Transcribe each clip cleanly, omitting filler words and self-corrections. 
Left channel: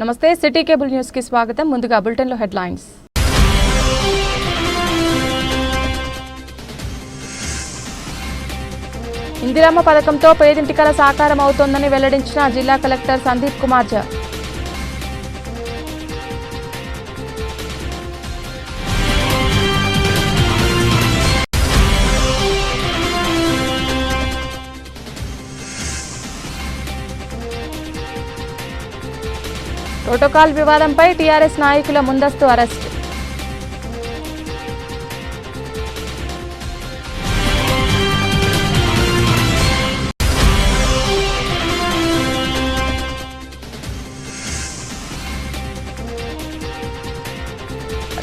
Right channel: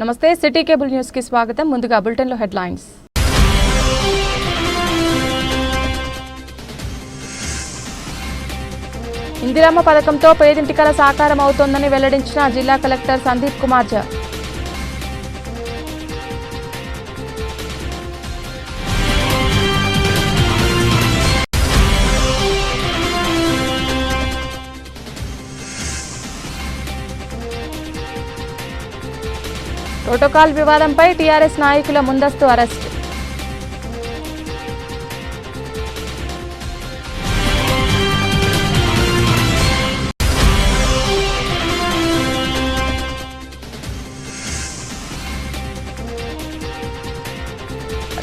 నమస్తే city cable news కి స్వాగతం. ముందుగా బులెటిన్ లో హెడ్లైన్స్. ఇందిరమ్మ పథకంతో పేదింటి కల సాకారం అవుతోందని వెల్లడించిన జిల్లా కలెక్టర్ సందీప్ కుమార్ ఝా. ప్రోటోకాల్ వివాదంపై టీఆర్ఎస్ నాయకుల ముందస్తు అరెస్ట్.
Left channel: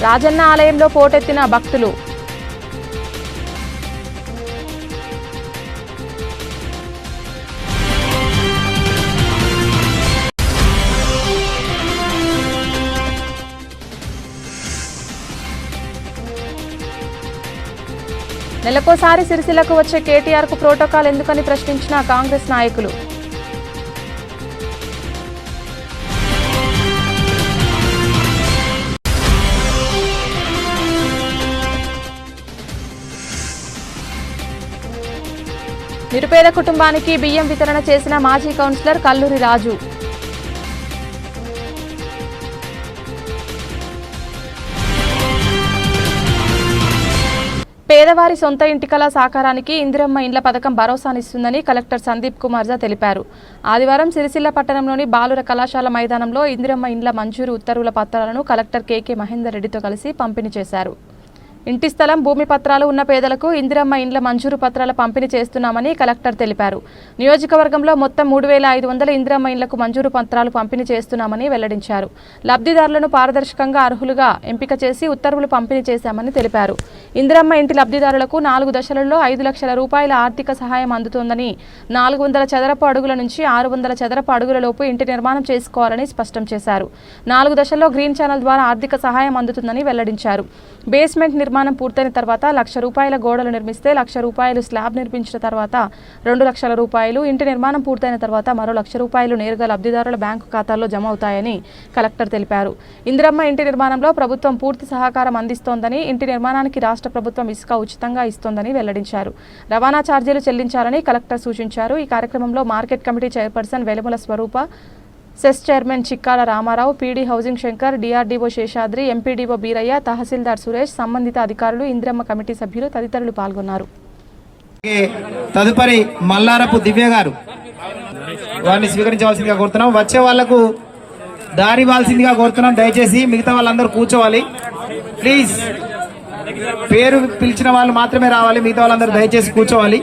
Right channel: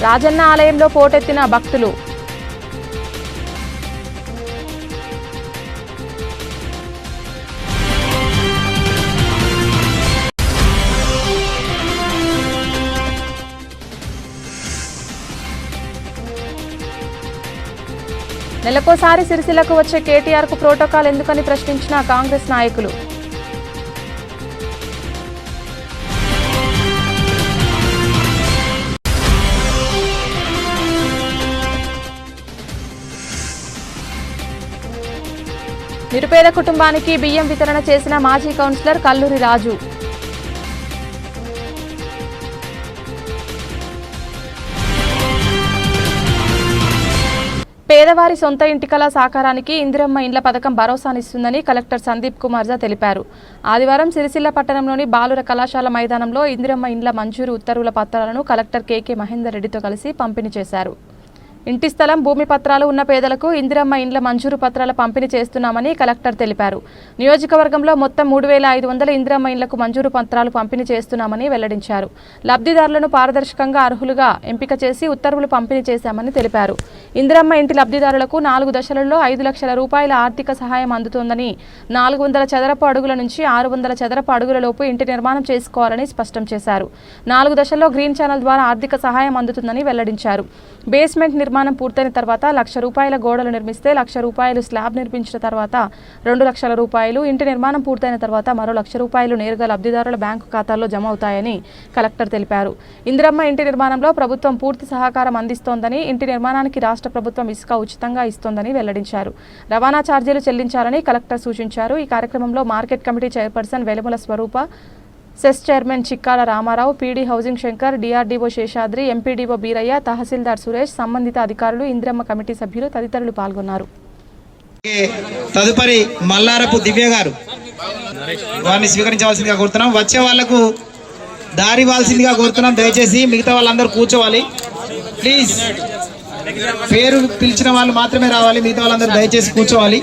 రాజన్న ఆలయంలో పోటెత్తిన భక్తులు. నెలకోసారి సిరిసిల్లకు వచ్చే కేటీఆర్ కు ప్రోటోకాల్ ఎందుకని ప్రశ్నించిన కాంగ్రెస్ నాయకులు. నిరుపేద కుటుంబానికి బియ్యం వితరణ చేసిన మాజీ కౌన్సిలర్ కల్లూరి రాజు. పేదవారి సొంత ఇంటి కల సాకారానికి ఇందిరమ్మ ఇండ్ల పథకం భరోసానిస్తుందని కలెక్టర్ సందీప్ కుమార్ ఝా తెలిపారు. ఆదివారం సిరిసిల్ల పట్టణంలోని బాలుర కళాశాల మైదానంలో ఇందిరమ్మ ఇండ్ల మంజూరు ఉత్తర్వుల పత్రాలను కలెక్టర్ కేకే మహేందర్ రెడ్డితో కలిసి పంపిణీ చేశారు. ఇంటి స్థలం, భూమి పత్రాలు ఉన్న పేదలకు ఇందిరమ్మ ఇండ్ల మంజూరు పత్రాల పంపిణీ చేస్తున్నామని కలెక్టర్ తెలిపారు. నియోజకవర్గంలో మొత్తం 3500 ఇందిరమ్మ ఇండ్లకు మంజూరు పత్రాలు పంపిణీ చేస్తున్నామని వెల్లడించారు. లబ్ధిదారులను పారదర్శకంగా అర్హులుగా ఎంపిక చేసి ఉత్తర్వులు పంపిణీ చేశామని తెలిపారు. ఇందిరమ్మ ఇంటి లబ్ధిదారులకు 4 దశలలో 5 లక్షల రూపాయల ఆర్థిక సహాయం అందుతోందని, 400 చదరపు అడుగుల నుంచి 600 చదరపు అడుగుల లోపు ఇంటి నిర్మాణం చేసుకోవాలని స్పష్టం చేశారు. 4 దశల్లో గ్రీన్ ఛానల్ ద్వారా ఆర్థిక సహాయం అందుతుందని వెల్లడించారు. బేస్మెంట్ నిర్మాణం పూర్తయిన తర్వాత 1 లక్ష రూపాయల గోడలు నిర్మిస్తే 1 లక్ష రూపాయలు, స్లాబ్ నిర్మించిన తర్వాత 2 లక్షల రూపాయలు, ఇంటి నిర్మాణం పూర్తయిన తర్వాత మరో 1 లక్ష రూపాయలు నేరుగా లబ్ధిదారుల బ్యాంకు ఖాతాల్లో జమ అవుతాయని కలెక్టర్ తెలిపారు. ఇందిరమ్మ ఇంటి నిర్మాణంలో ప్రభుత్వం పూర్తి సహకారం అందిస్తోందని, ఇంటి నిర్మాణానికి రాష్ట్ర ప్రభుత్వం ఇసుక ఉచితంగా ఇస్తోందని వెల్లడించారు. రవాణా ఛార్జీలు చెల్లించాలని కలెక్టర్ సూచించారు. ఈ కార్యక్రమంలో market committee chairperson Velumula Swaroopa, cess chairman Chikkala Ramarao, PD housing Shankar, DRDO Seshadri, MPDO Beerayya, tahsildar Suresh, సంబంధిత అధికారులు, ఇందిరమ్మ కమిటీ సభ్యులు తదితరులు పాల్గొన్నారు. తదుపరి మల్లారపు దివ్య గారు వారిని స్వీకరించవలసిందిగా కోరుతున్నాం. వచ్చే వాళ్లకు దారి ఇవ్వాల్సిందిగా కోరుతున్నాం. దయచేసి మిగతా వాళ్ళందరూ కూర్చోవాలి ప్లీజ్. పేరు పిలిచిన వాళ్ళు మాత్రమే రావాలి, మిగతా వాళ్ళందరూ దయచేసి కూర్చోవాలి.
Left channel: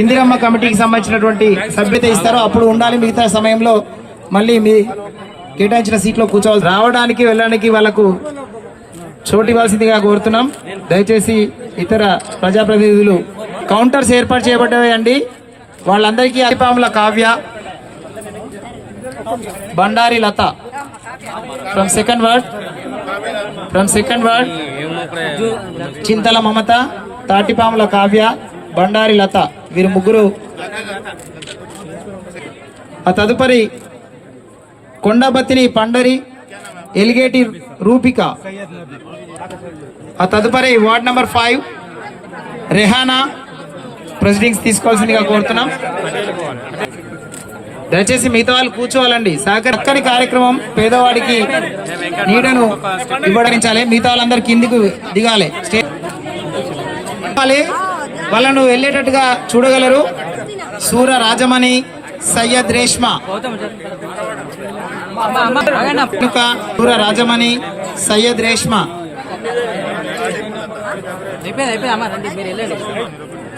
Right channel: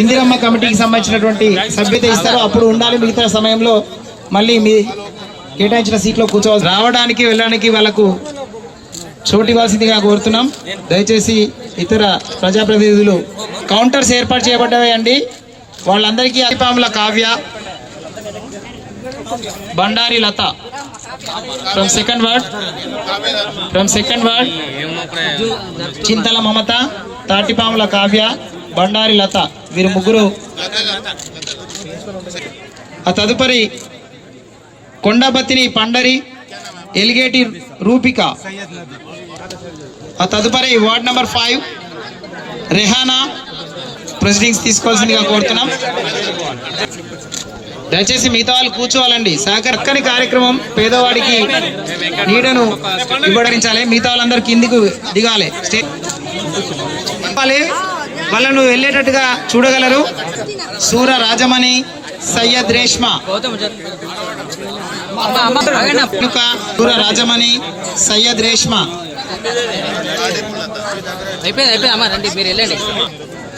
ఇందిరమ్మ కమిటీకి సంబంధించినటువంటి సభ్యత ఇస్తారు, అప్పుడు ఉండాలి. మిగతా సమయంలో మళ్ళీ మీ కేటాయించిన సీట్లో కూర్చోవాలి. రావడానికి వెళ్ళడానికి వాళ్ళకు చోటు ఇవ్వాల్సిందిగా కోరుతున్నాం. దయచేసి ఇతర ప్రజాప్రతినిధులు కౌంటర్స్ ఏర్పాటు చేయబడ్డాయండి. వాళ్ళందరికీ అరిపాముల కావ్య, బండారి లత ఫ్రమ్ సెకండ్ వర్డ్, చింతల మమత, తాటిపాముల కావ్య, బండారి లత, వీరు ముగ్గురు. ఆ తదుపరి కొండబత్తిని పండరి, ఎలిగేటి రూపిక. ఆ తదుపరి వార్డ్ నెంబర్ 5 రెహానా ప్రొసీడింగ్స్ తీసుకోవాల్సిందిగా కోరుతున్నాం. దయచేసి మిగతా వాళ్ళు కూర్చోవాలండి. చక్కని కార్యక్రమం, పేదవాడికి నీడను ఇవ్వడించాలి. మిగతా వాళ్ళందరూ కిందికి దిగాలి. వాళ్ళను వెళ్ళేటట్టుగా చూడగలరు. సూర రాజమణి, సయ్యద్ రేష్మా, సూర రాజమణి, సయ్యద్ రేష్మా.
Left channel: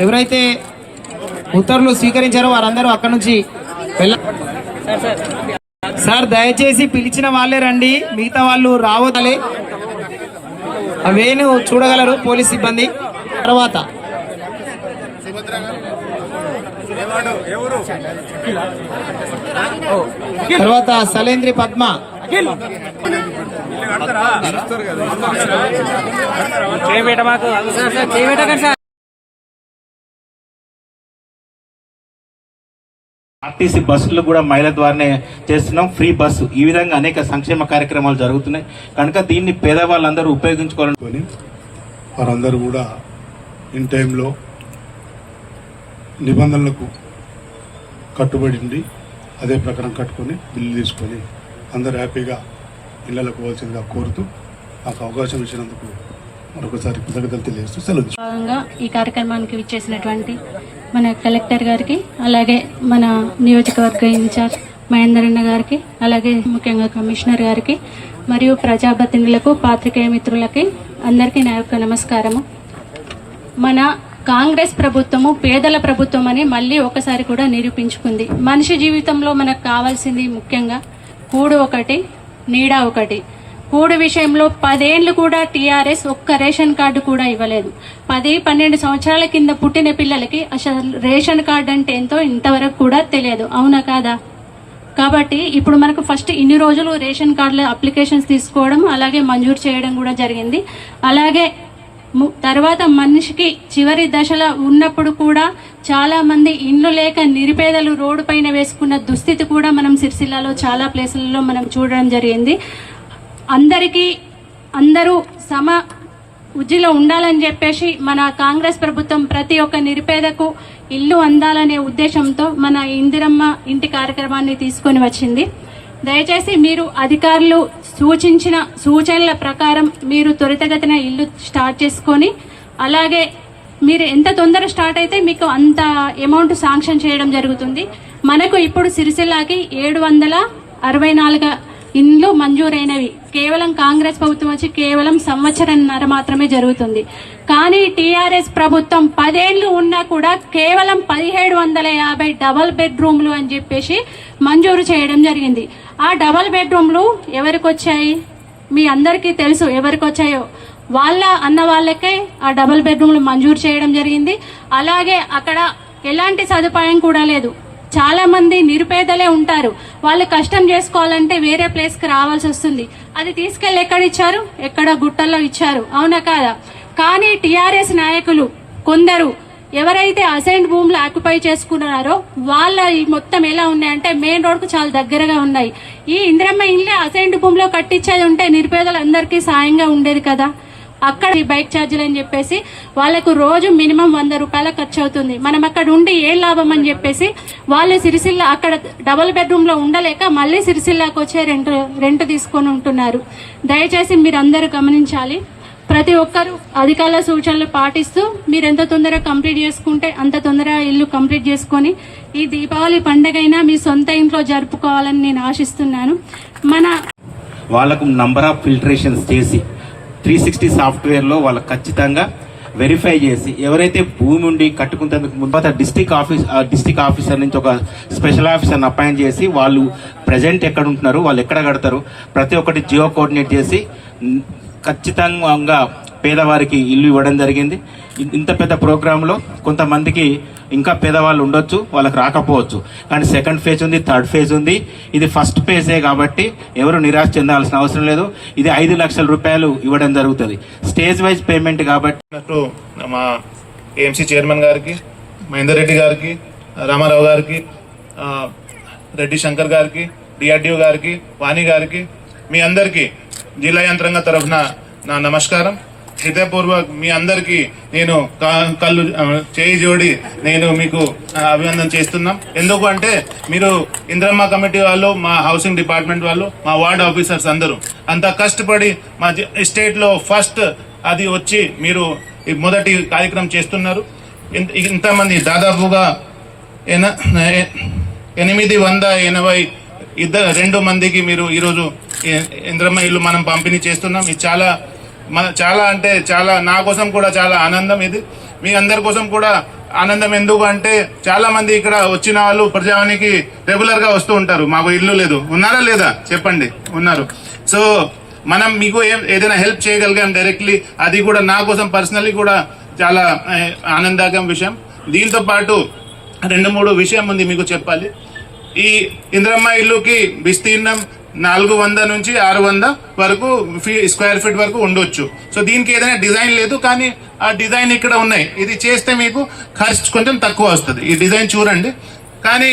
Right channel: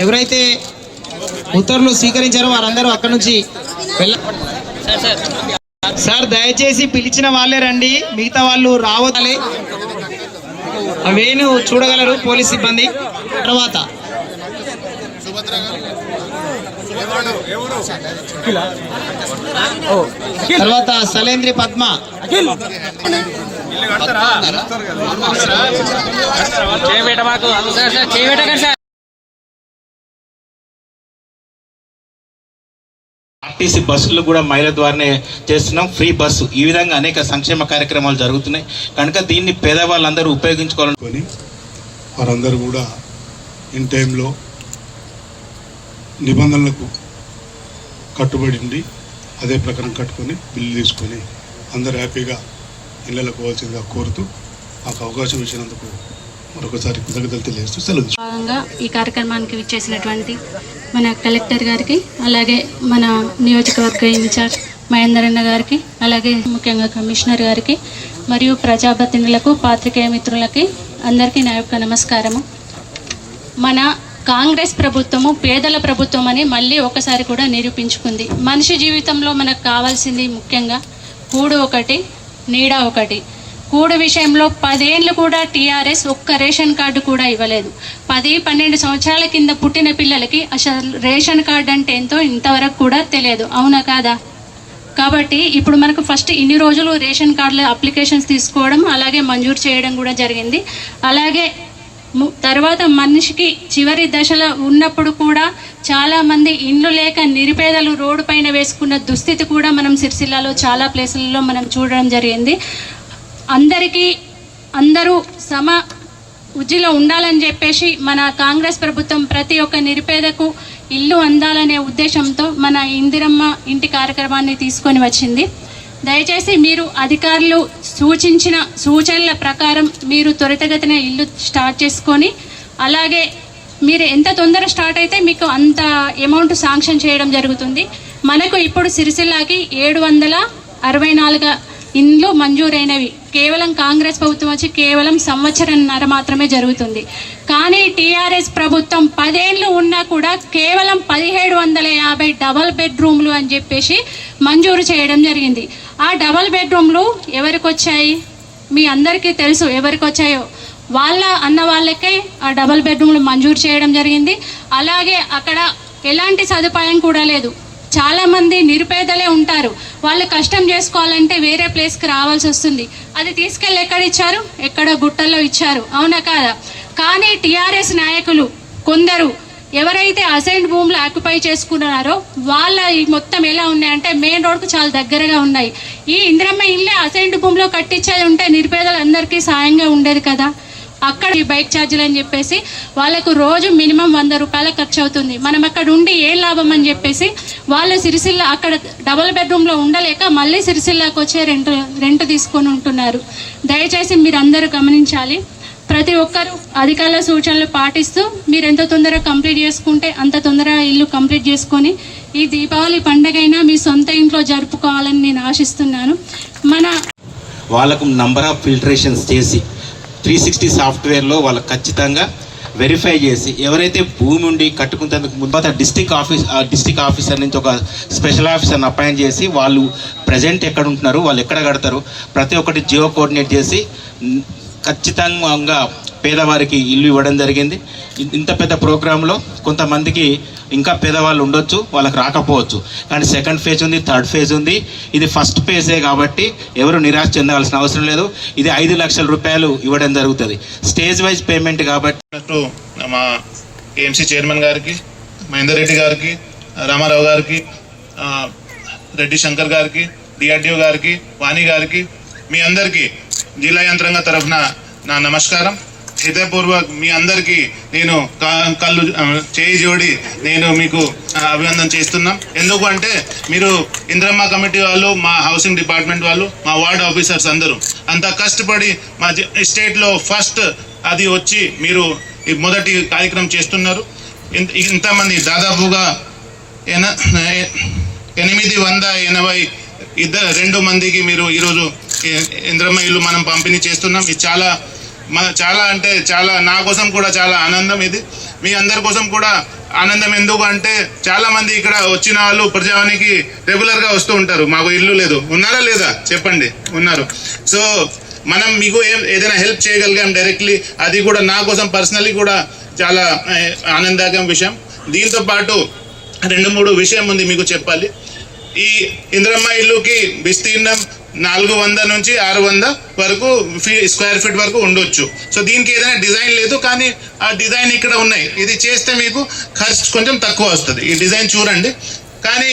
ఎవరైతే ఉత్తర్వులు స్వీకరించారో వారందరూ అక్కడి నుంచి సార్ దయచేసి పిలిచిన వాళ్ళే రండి, మిగతా వాళ్ళు రావాలి. అవేను చూడగలరు పోలీస్ సిబ్బంది. తర్వాత సలేంద్రి పద్మ, ఆర్టీసీ బస్సులు కూడా మహిళల ద్వారానే చేస్తున్నాం, ఫ్రీ బస్సు. ఈ విధంగా అనేక సంక్షేమ కార్యక్రమాలు జరుగుతున్నాయి కనుక దీన్ని పేదవాళ్ళందరూ ఉపయోగించుకోవాలని వారందరూ కూడా ఇన్ టైంలో నిబంధనలకు కట్టుబడి ఉండి అదే ప్రకారం కట్టుకొని బిల్లు తీసుకొని అందరూ హ్యాపీగా ఇళ్ళకు పోవాల్సిందిగా కోరుతూ మాకు అవకాశం ఇచ్చినందుకు మరొకసారి కృతజ్ఞతలు తెలియజేస్తూ సెలవు. భాగంగా ఈ కార్యక్రమానికి విచ్చేసినటువంటి మన కలెక్టర్ గారికి, అలాగే మన నియోజకవర్గ ఇన్ఛార్జ్ మహేందరన్న గారికి, అలాగే ముఖ్యంగా కమిషనర్ గారికి మరియు ప్రజాప్రతినిధులకు, పాత్రికేయ మిత్రులకి అందరికీ నా యొక్క నమస్కారము. మన కాంగ్రెస్ ప్రభుత్వము పేదల ప్రభుత్వం అని మళ్ళీ ఒకసారి కూడా నిరూపించుకుంది. మనిషి జీవితంలో మనకు కావాల్సింది ముఖ్యంగా కూడు ఒకటి, నీడ ఒకటి. కూడు విషయంలో 10 ఏళ్ళు కూడా టీఆర్ఎస్ ఒక్క రేషన్ కార్డు కూడా ఇవ్వలేదు. 10-12 సంవత్సరాల కింద పుట్టిన పిల్లలకి అసలు రేషన్ కార్డు అంటే ఎంతో ఇంతవరకు కూడా తెలియదు, అవునా కాదా? కాబట్టి ఇప్పుడు మనకు ఫస్ట్ ఇన్ని రోజులు రేషన్ కార్డుల అప్లికేషన్స్ తీసుకోవడం, అలాగే మంజూరు చేయడం కూడా జరిగింది. అలాగే తర్వాత మనిషికి చివరి దశలో ఉన్నప్పుడు కూడా చాలామంది ఇండ్లు లేక నిరుపేదలు రోడ్డు పైన వేసుకున్న దుస్థితి కూడా మనం సిరిసిల్లలో చాలా ప్లేసులలో మనం చూడడం జరిగింది. అందరూ సమ ఉజ్జిలో ఉండాలని చెప్పేసి మన కాంగ్రెస్ ప్రభుత్వం ప్రతి ఒక్క నిరుపేదకు ఇల్లు అందాలనే ఉద్దేశంతో మన ఇందిరమ్మ ఇంటి కార్యక్రమాన్ని తీసుకొని వచ్చింది. దయచేసి మీరు అధికారులు సూచించిన సూచనల ప్రకారం మీరు త్వరితగతిన ఇల్లు స్టార్ట్ చేసుకొని, అలాగే మీరు ఎంత తొందర స్టార్ట్ అయితే మీకు అంత అమౌంట్ శాంక్షన్ చేయడం జరుగుతుంది. మనకు ఇప్పుడు సిరిసిల్లాకి 764 ఇండ్లు మంజూరైనవి. కేవలం కాంగ్రెస్ ప్రభుత్వం వచ్చి కేవలం సంవత్సరంన్నర మాత్రమే జరుగుతుంది. కానీ టీఆర్ఎస్ ప్రభుత్వం 10 ఏళ్ళు ఉన్నా కూడా కేవలం 1750 డబల్ బెడ్రూమ్లు అని చెప్పేసి మంజూరు చేయడం జరిగింది. ఆ డబల్ బెడ్రూమ్లు ఎవరికి వచ్చాయి మీ అందరికీ తెలుసు, ఎవరికి వచ్చాయో అన్న వాళ్ళకే ఆ డబల్ బెడ్రూమ్లు మంజూరు చేయడం జరిగింది. అలాగే అక్కడ ఎలాంటి సదుపాయం కూడా లేదు. చాలామంది నిరుపేదలే ఉంటారు, వాళ్ళు కష్టం చేసుకోవాలంటే వేరే ప్లేస్కి రావాల్సి వస్తుంది. అది తీసుకెళ్ళి ఎక్కడ ఇచ్చారు? ఎక్కడ గుట్టల్లో ఇచ్చారు, అవునా కాదా? కానీ టీఆర్ఎస్ నాయకులు కొందరు ఎవరైతే అసైన్డ్ భూములు ఆక్యుపై చేసుకున్నారో వాళ్ళ మొత్తం ఎలా ఉన్నాయంటే మెయిన్ రోడ్కు చాలా దగ్గరగా ఉన్నాయి. ఈ ఇందిరమ్మ ఇల్లే అసైన్డ్ భూమిలో కట్టించేది ఉంటే నిరుపేదలందరికీ సాయంగా ఉండేది కదా. అక్కడ ఈ బైక్ ఛార్జీలు అని చెప్పేసి వాళ్ళకు రోజు మినిమం 100 రూపాయల ఖర్చు అవుతుంది. మనం అక్కడ ఉండి ఏం లాభం అని చెప్పేసి వాళ్ళు సిరిసిల్ల అక్కడ డబల్ బెడ్రూమ్లో ఉండలేక మళ్ళీ సిరిసిల్లాకు వచ్చే రెంట్ తీసుకొని ఉంటున్నారు. దయచేసి మీరు అందరూ గమనించాలి. ప్రతి ఒక్కరు అధికారుల సూచనలు పాటిస్తూ మీరు ఎంత తొందరగా కంప్లీట్ చేసుకుంటే అంత తొందరగా ఇల్లు కంప్లీట్ చేసుకొని ఈ దీపావళి పండగైనా మీ సొంత ఇంట్లో జరుపుకోవాలని నేను ఆశిస్తున్నాను. వాళ్ళకు నంబర్ ఆఫ్ ఫిల్టరేషన్స్ చేసి 360 సాఫ్ట్వేర్లో వాళ్ళకి ఖచ్చితంగా వెరిఫై చేసి ఎవరైతే భూమి ఉండి కట్టుకున్నందుకు ముందు డిస్టిక్ ఆఫీసర్ నుంచి ఒక స్పెషల్ ఆఫీసర్ని అపాయింట్ చేసి వాళ్ళు ప్రజెంట్ ఎక్కడ ఉంటున్నారు, వాళ్ళు ఎక్కడ కడతారు, ప్రతి ఒక్కటి జియో కోఆర్డినేట్ చేసి ఖచ్చితంగా పేదవారికి ఇల్లు ఇవ్వడం జరిగింది. ఇంత పెద్ద ప్రోగ్రాంలో కొంతమందికి ఇంకా పేదవాళ్ళు ఉండొచ్చు, వాళ్ళకి రాకపోవచ్చు. కానీ సెకండ్ ఫేజ్ ఉంది, థర్డ్ ఫేజ్ ఉంది. ఇది ఫస్ట్ ఫేజే కాబట్టి ఎవరు నిరాశ చెందాల్సిన అవసరం లేదు. ఇది 5 లక్షల రూపాయలు ఇవ్వడం జరుగుతుంది, స్టేజ్ వైజ్ పేమెంట్ కాబట్టి. మా ఏఎంసీ చైర్మన్ గారికి, మహేందర్ రెడ్డి గారికి, రామారావు గారికి, రెడ్డి శంకర్ గారికి, డిఆర్డిఓ గారికి, వాణి గారికి, మీ అందరికీ జిల్లా యంత్రాంగ తరఫున నా నమస్కారం. హృదయపూర్వక మీ అందరికీ నేను కళ్ళు చేయి జోడి నేను మీకు అభినందన చేస్తున్నాం. ఎందుకు అంటే మీరు ఇందిరమ్మ కమిటీ వాళ్ళు, మా హౌసింగ్ డిపార్ట్మెంట్ వాళ్ళు, మా వార్డ్ ఆఫీసర్స్ అందరూ అంత కష్టపడి మా స్టేట్లో ఫస్ట్ అది వచ్చి మీరు మొదటి కార్యక్రమం చేస్తున్నారు. ఇంతమంది దాదాపుగా 882 మందికి మీరు ఈరోజు ఇందిరమ్మ ఇల్లు మనం పంపిణీ చేస్తున్నాం. ఇది చాలా అంటే చాలా నా కోసం కూడా చాలా ఆనందం. ఇది మీ అందరి కోసం కూడా ఆనందం. ఎందుకు అంటే చాలా మంది ఇక్కడ వచ్చిన వాళ్ళు ప్రజావానికి రెగ్యులర్గా వస్తూ ఉంటారు. మాకు ఇల్లు లేదు, ఉన్నారా లేదా చెప్పండి, ఉన్నారు. సో మనం మీకు ఏదైనా హెల్ప్ చేయగలిగాం డైరెక్ట్లీ, అది కూడా నా కోసం పర్సనల్లీ కూడా చాలా ఆనందదాయకం విషయం. దీంతో పాటు 2-3 విషయం ఉంది మీకు చెప్పాలి. ఈ ఇందిరమ్మ ఇల్లుకి విస్తీర్ణం 400 నుంచి 600 వరకు స్క్వేర్ ఫీట్ వరకు ఉండొచ్చు. సో దీనికి ఏదైనా డిజైన్ లేదు, కానీ ఆ డిజైన్ ఇక్కడ ఉన్నాయి. ఇది చేస్తే మీకు ఖర్చు కొంచెం తక్కువ వస్తుంది. ఈ డిజైన్ చూడండి. కానీ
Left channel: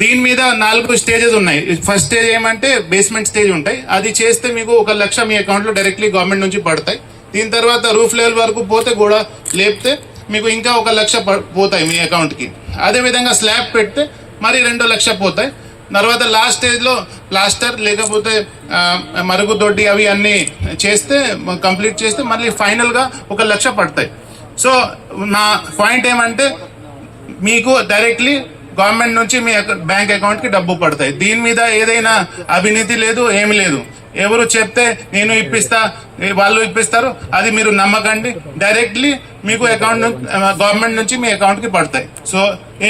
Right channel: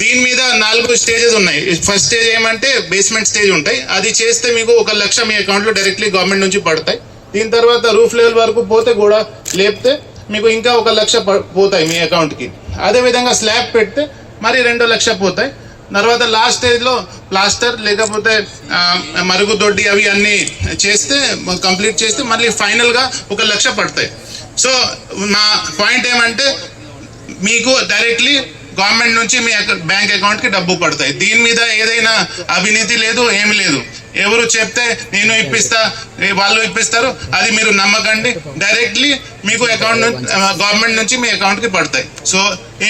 దీని మీద 4 స్టేజెస్ ఉన్నాయి. ఫస్ట్ స్టేజ్ ఏమంటే బేస్మెంట్ స్టేజ్ ఉంటాయి. అది చేస్తే మీకు 1 లక్ష మీ అకౌంట్లో డైరెక్ట్లీ గవర్నమెంట్ నుంచి పడతాయి. దీని తర్వాత రూఫ్ లెవెల్ వరకు పోతే కూడా లేపితే మీకు ఇంకా 1 లక్ష పోతాయి మీ అకౌంట్కి. అదేవిధంగా స్లాబ్ పెడితే మరి 2 లక్ష పోతాయి. తర్వాత లాస్ట్ స్టేజ్లో ప్లాస్టర్ లేకపోతే మరుగుదొడ్డి అవి అన్నీ చేస్తే కంప్లీట్ చేస్తే మళ్ళీ ఫైనల్గా 1 లక్ష పడతాయి. సో నా పాయింట్ ఏమంటే మీకు డైరెక్ట్లీ గవర్నమెంట్ నుంచి మీ బ్యాంక్ అకౌంట్కి డబ్బు పడతాయి. దీని మీద ఏదైనా అవినీతి లేదు, ఏమి లేదు. ఎవరు చెప్తే నేను ఇప్పిస్తా వాళ్ళు ఇప్పిస్తారు అది మీరు నమ్మకండి. డైరెక్ట్లీ మీకు అకౌంట్ గవర్నమెంట్ నుంచి మీ అకౌంట్కి పడతాయి. సో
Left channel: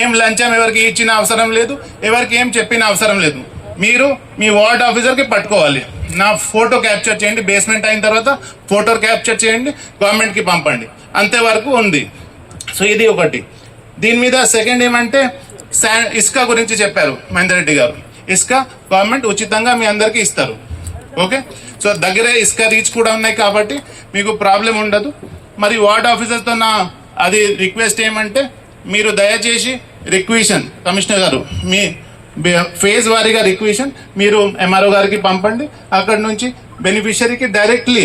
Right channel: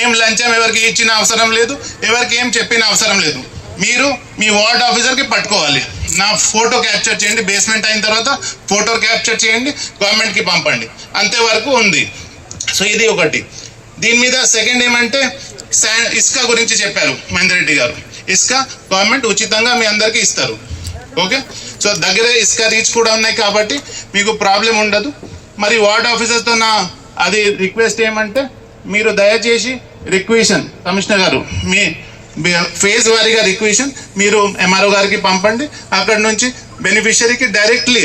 ఏం లంచం ఎవరికి ఇచ్చిన అవసరం లేదు, ఎవరికి ఏం చెప్పిన అవసరం లేదు. మీరు మీ వార్డ్ ఆఫీసర్కి పట్టుకోవాలి. నా ఫోటో క్యాప్చర్ చేయండి, బేస్మెంట్ అయిన తర్వాత ఫోటో క్యాప్చర్ చేయండి, గవర్నమెంట్కి పంపండి, అంతేవరకు ఉంది. సో ఇది ఒకటి. దీని మీద సెకండ్ ఏమంటే ఇసుక గురించి చెప్పారు మహేందర్ రెడ్డి గారు. ఇసుక గవర్నమెంట్ ఉచితంగా మీ అందరికీ ఇస్తారు. ఓకే, సో దగ్గరే ఇసుక రీచ్ కూడా ఉన్నాయి కాబట్టి మీకు ప్రాబ్లం ఉండదు. మరి వార్డ్ ఆఫీసర్తో నా అది రిక్వెస్ట్ ఏమంటే మీరు దయచేసి రిక్వెషన్ కమిషనర్ గారు మీ ఫేజ్ వారీగా రిక్వెషన్ మీరు ఎంఆర్ఓ గారికి పంపండి. అక్కడ నుంచి బెనిఫిషరీకి డైరెక్ట్లీ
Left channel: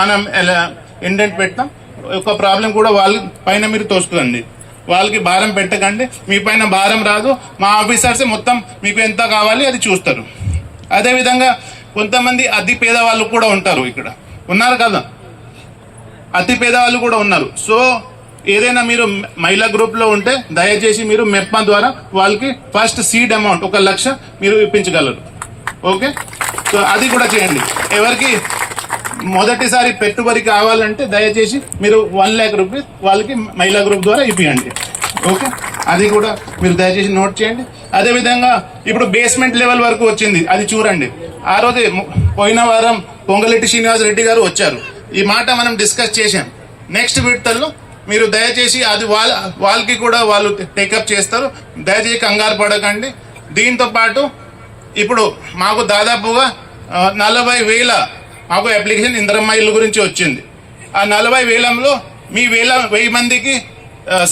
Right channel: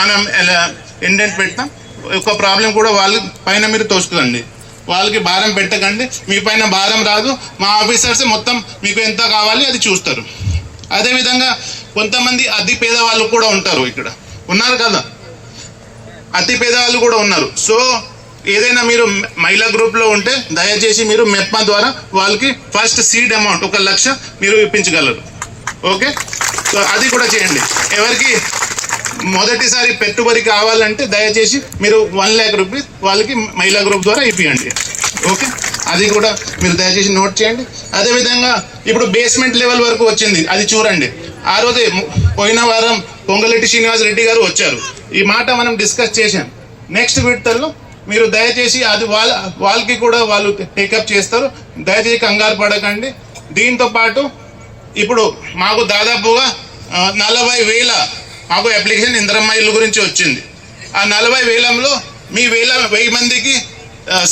మనం ఇండెంట్ పెడతాం. ఒక ప్రాబ్లం కూడా వాళ్ళ పైన మీరు తోసుకోండి, వాళ్ళకి భారం పెట్టకండి. మీ పైన భారం రాదు, మా ఆఫీసర్స్ మొత్తం మీకు ఎంత కావాలి అది చూస్తారు. అదేవిధంగా కొంతమంది అతి పేదవాళ్ళు కూడా ఉంటారు, ఇక్కడ ఉన్నారు కదా, అతి పేదవాళ్ళు కూడా ఉన్నారు. సో ఏదైనా మీరు మహిళా గ్రూప్లో ఉంటే దయచేసి మీరు మెప్మా ద్వారా వాళ్ళకి ఫస్ట్ సీడ్ అమౌంట్ 1 లక్ష మీరు ఇప్పించగలరు. ఓకే, సో అది కూడా చేయండి. ఎవరికి మొదటిసారి పెట్టుబడి కావాలంటే దయచేసి మీరు 1 లక్ష రూపీస్ వాళ్ళకి మహిళా గ్రూప్ ద్వారా ఇప్పియండి. ఓకే, అది కూడా మీరు దయచేసి నోట్ చేయండి. అదేవిధంగా ఇప్పుడు బేస్మెంట్ లెవెల్ వరకు వచ్చింది, అది చూడండి. ఆ రోజే పోయిన వారం పొంగలెట్టి శ్రీనివాస్ రెడ్డి గారు వచ్చారు, ఈ మాట మనం డిస్కస్ చేసాం. నెక్స్ట్ విడతల్లో మీరు దయచేసి అది వాళ్ళకి కూడా వాళ్ళు టేకప్ చేస్తారు. దయచేసి కంగారు పడకండి. దీంతో పాటు ఇప్పుడు మాకు దాదాపుగా 40,000 మాకు అప్లికేషన్ ఇందిరమ్మ ఇల్లు గురించి వచ్చింది. ఆ 40,000లో మీ 1000 మందికి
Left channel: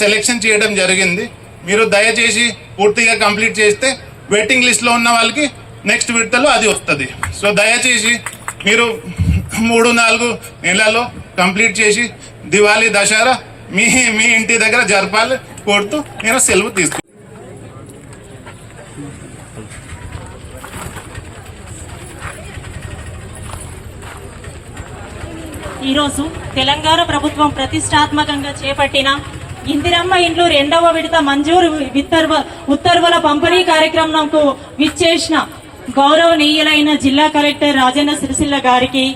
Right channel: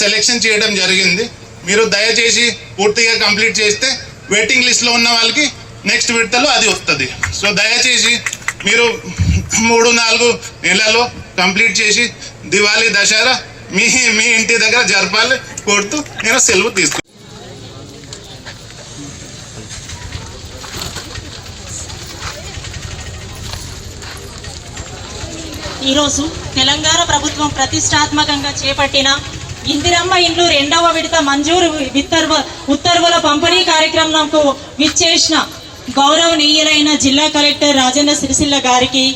సెలెక్షన్ చేయడం జరిగింది. మీరు దయచేసి పూర్తిగా కంప్లీట్ చేస్తే వెయిటింగ్ లిస్ట్లో ఉన్న వాళ్ళకి నెక్స్ట్ విడతలో అది వస్తుంది. సో దయచేసి మీరు 3-4 నెలల్లో కంప్లీట్ చేసి దివాళీ దసరా మీ ఇంటి దగ్గర జరపాలి కోరుతూ నేను సెలవు తీసుకుంటాను. ఈరోజు తెలంగాణ ప్రభుత్వం ప్రతిష్టాత్మకంగా చేపట్టిన ఇందిరమ్మ ఇండ్లు 2వ విడత మంజూరు ఉత్తర్వుల పంపిణీ కార్యక్రమంకు విచ్చేసిన గౌరవనీయులైన జిల్లా కలెక్టర్ రాజన్న సిరిసిల్ల గారికి,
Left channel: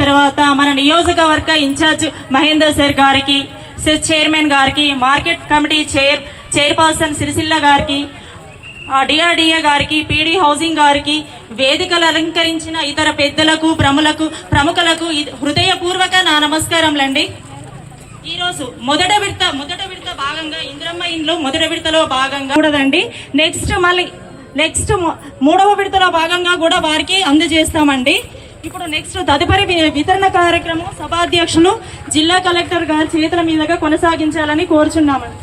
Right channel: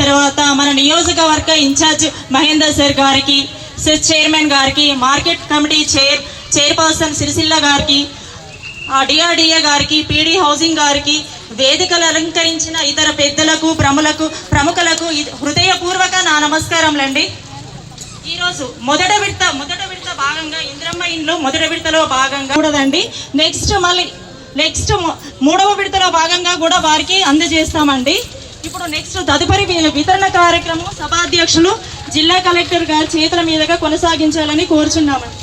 తర్వాత మన నియోజకవర్గ ఇన్ఛార్జ్ మహేందర్ సార్ గారికి, సెస్ చైర్మన్ గారికి, మార్కెట్ కమిటీ చైర్పర్సన్ సిరిసిల్ల గారికి, డిఆర్డిఏ గారికి, పీడీ హౌసింగ్ గారికి, వేదికలు అలంకరించిన ఇతర పెద్దలకు ప్రముఖులకు హృదయపూర్వక నా నమస్కారములండి. ఈరోజు మొదట విడత భాగంగా ఇందిరమ్మ ఇండ్లు మొదటి విడతలో భాగంగా కూడదండి, నెక్స్ట్ 3వ విడతలో భాగంగా కూడా వారికి అందజేస్తామండి. ఇప్పుడు నెక్స్ట్ తదుపరి వితరణ కార్యక్రమం సభాధ్యక్షులు జిల్లా కలెక్టర్ గారి చేతుల మీదుగా కొనసాగించాలని కోరుచున్నామండి.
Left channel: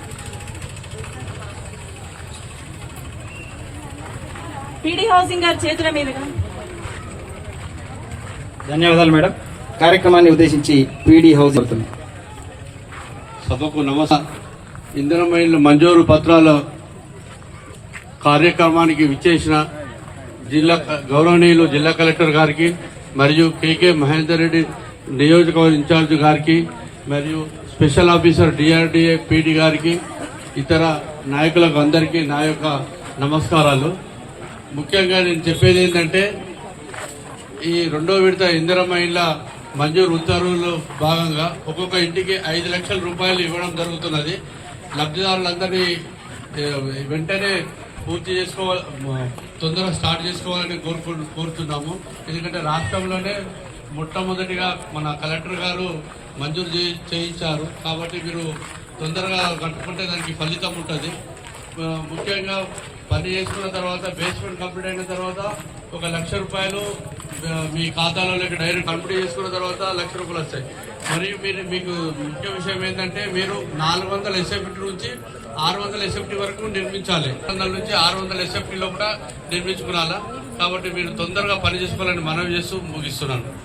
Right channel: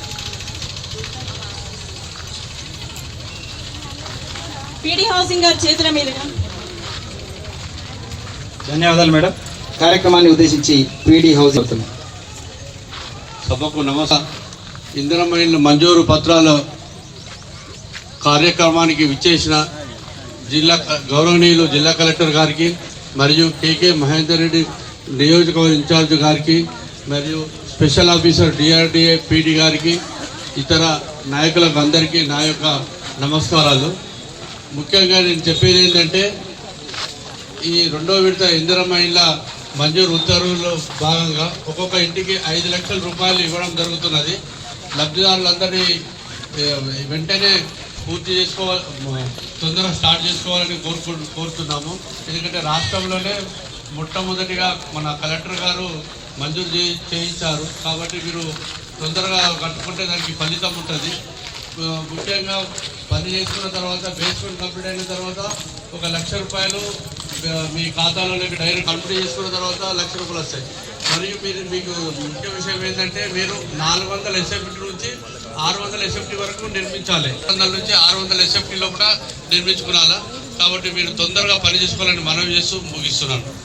పీడీ హౌసింగ్ గారి చేతుల మీదుగా. ధన్యవాదాలు మేడం. కార్యక్రమాన్ని ఉద్దేశించి పీడీ హౌసింగ్ అవుతుంది. సభకు నమస్కారం. ఇందిరమ్మ ఇల్లు మంజూరు పత్రాల కార్యక్రమానికి విచ్చేసిన గౌరవనీయులు జిల్లా కలెక్టర్ గారికి మరియు కేకే మహేందర్ రెడ్డి నియోజకవర్గ ఇన్ఛార్జ్ గారికి మరియు స్పెషల్ ఆఫీసర్ డిఆర్డిఏ పీడీ గారికి, ఇతర నాయకులకు అందరికీ నా యొక్క నమస్కారాలు. ముఖ్యంగా నేను చెప్పేది ఏంటంటే ఈ 2వ విడత ఇందిరమ్మ ఇళ్ళ మంజూరు ఉత్తర్వుల్లో భాగంగా ఒక్కొక్క ఇంటికి 5 లక్షల రూపాయలు ఇవ్వడం జరుగుతున్నది. లబ్ధిదారులందరినీ వెంటనే పూర్తి చేసుకోవాలి, తొందరగా స్టార్ట్ చేసుకోవాలని కోరుతున్నాము. ఎందుకంటే రాష్ట్రంలోనే మొట్టమొదటిగా మన కలెక్టర్ గారు మంజూరు చేయించారు కాబట్టి మీరు తొందరగా కట్టుకుంటే దానికి ఫలితం ఉంటుంది. ముఖ్యంగా పని చేసుకున్న తర్వాత బేస్మెంట్ కంప్లీట్ అయిన తర్వాత 1 లక్ష రూపాయలు మీ ఖాతాలోకి డైరెక్ట్ కంప్లీట్ చేసుకున్న తర్వాత 1 లక్ష రూపాయలు వస్తాయి. మరియు మీకు ముఖ్య విషయం ఏంటంటే మీరు 400 SFT నుంచి 600 SFT వరకు నిర్మించాలి. 400 నుంచి 600 SFT లోపల నిర్మించుకోవాలా. కాబట్టి మీరు తొందరగా పని చేసుకోవాలని మనవి చేస్తూ ముగిస్తున్నాను.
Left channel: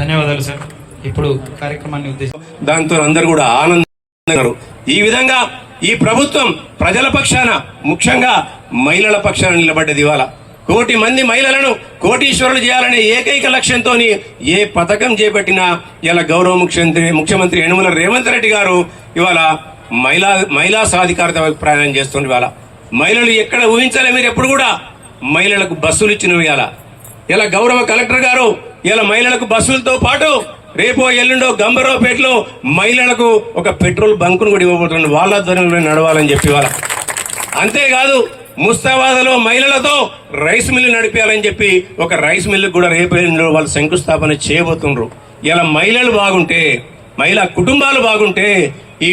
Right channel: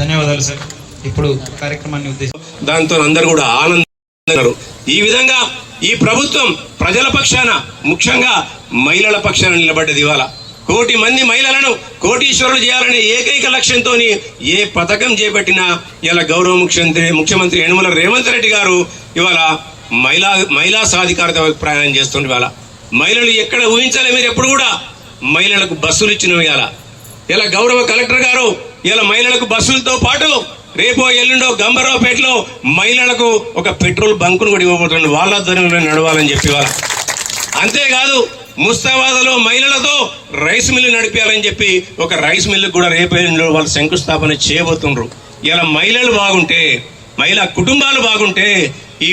ధన్యవాదాలు సార్. ఇప్పుడు కార్యక్రమాన్ని ఉద్దేశించి దాంతో అందరూ కూడా ఆనందం. ఈ విధంగా ఈ ప్రభుత్వం ప్రజల పక్షాన, ముఖ్యంగా మహిళల పక్షాన నిలబడ్డది. ఇవాళ 1 కోటి మంది మహిళలను కోటీశ్వరులు చేయాలనే ఏకైక లక్ష్యంతో ఏ పథకం చేపట్టినా ఇలా గౌరవ ముఖ్యమంత్రి యనమల రేవంత్ రెడ్డి గారు ఇవాళ మహిళా సాధికారత ప్రయాణం చేస్తుండే. ఇవాళ మహిళలు ఎక్కడ ఊహించాలి మీరు ఎప్పుడు కూడా మహిళలకు బస్సులు ఇచ్చినవి. ఇలా గౌరవ కలెక్టర్ గారు ఇలా మహిళలకు బస్సులతో పాటు రేపో ఎల్లుండో గంభీరావుపేటలో మహిళలకు ఒక పెట్రోల్ బంకును కూడా ఇవ్వబోతుంది. వాళ్ళ ధనంలో నడవాలని చెప్పి వాళ్ళ. అంతేకాదు ముస్తాబాద్లో మహిళలతో రైస్ మిల్లు నడిపేయాలని చెప్పి ఒక రైస్ మిల్లు కూడా రేపు ఎల్లుండో వాళ్ళు శంకుస్థాపన చేయబోతున్నారు. ఇలా మహిళలు బాగుంటే, మహిళా కుటుంబాలు బాగుంటే ఈ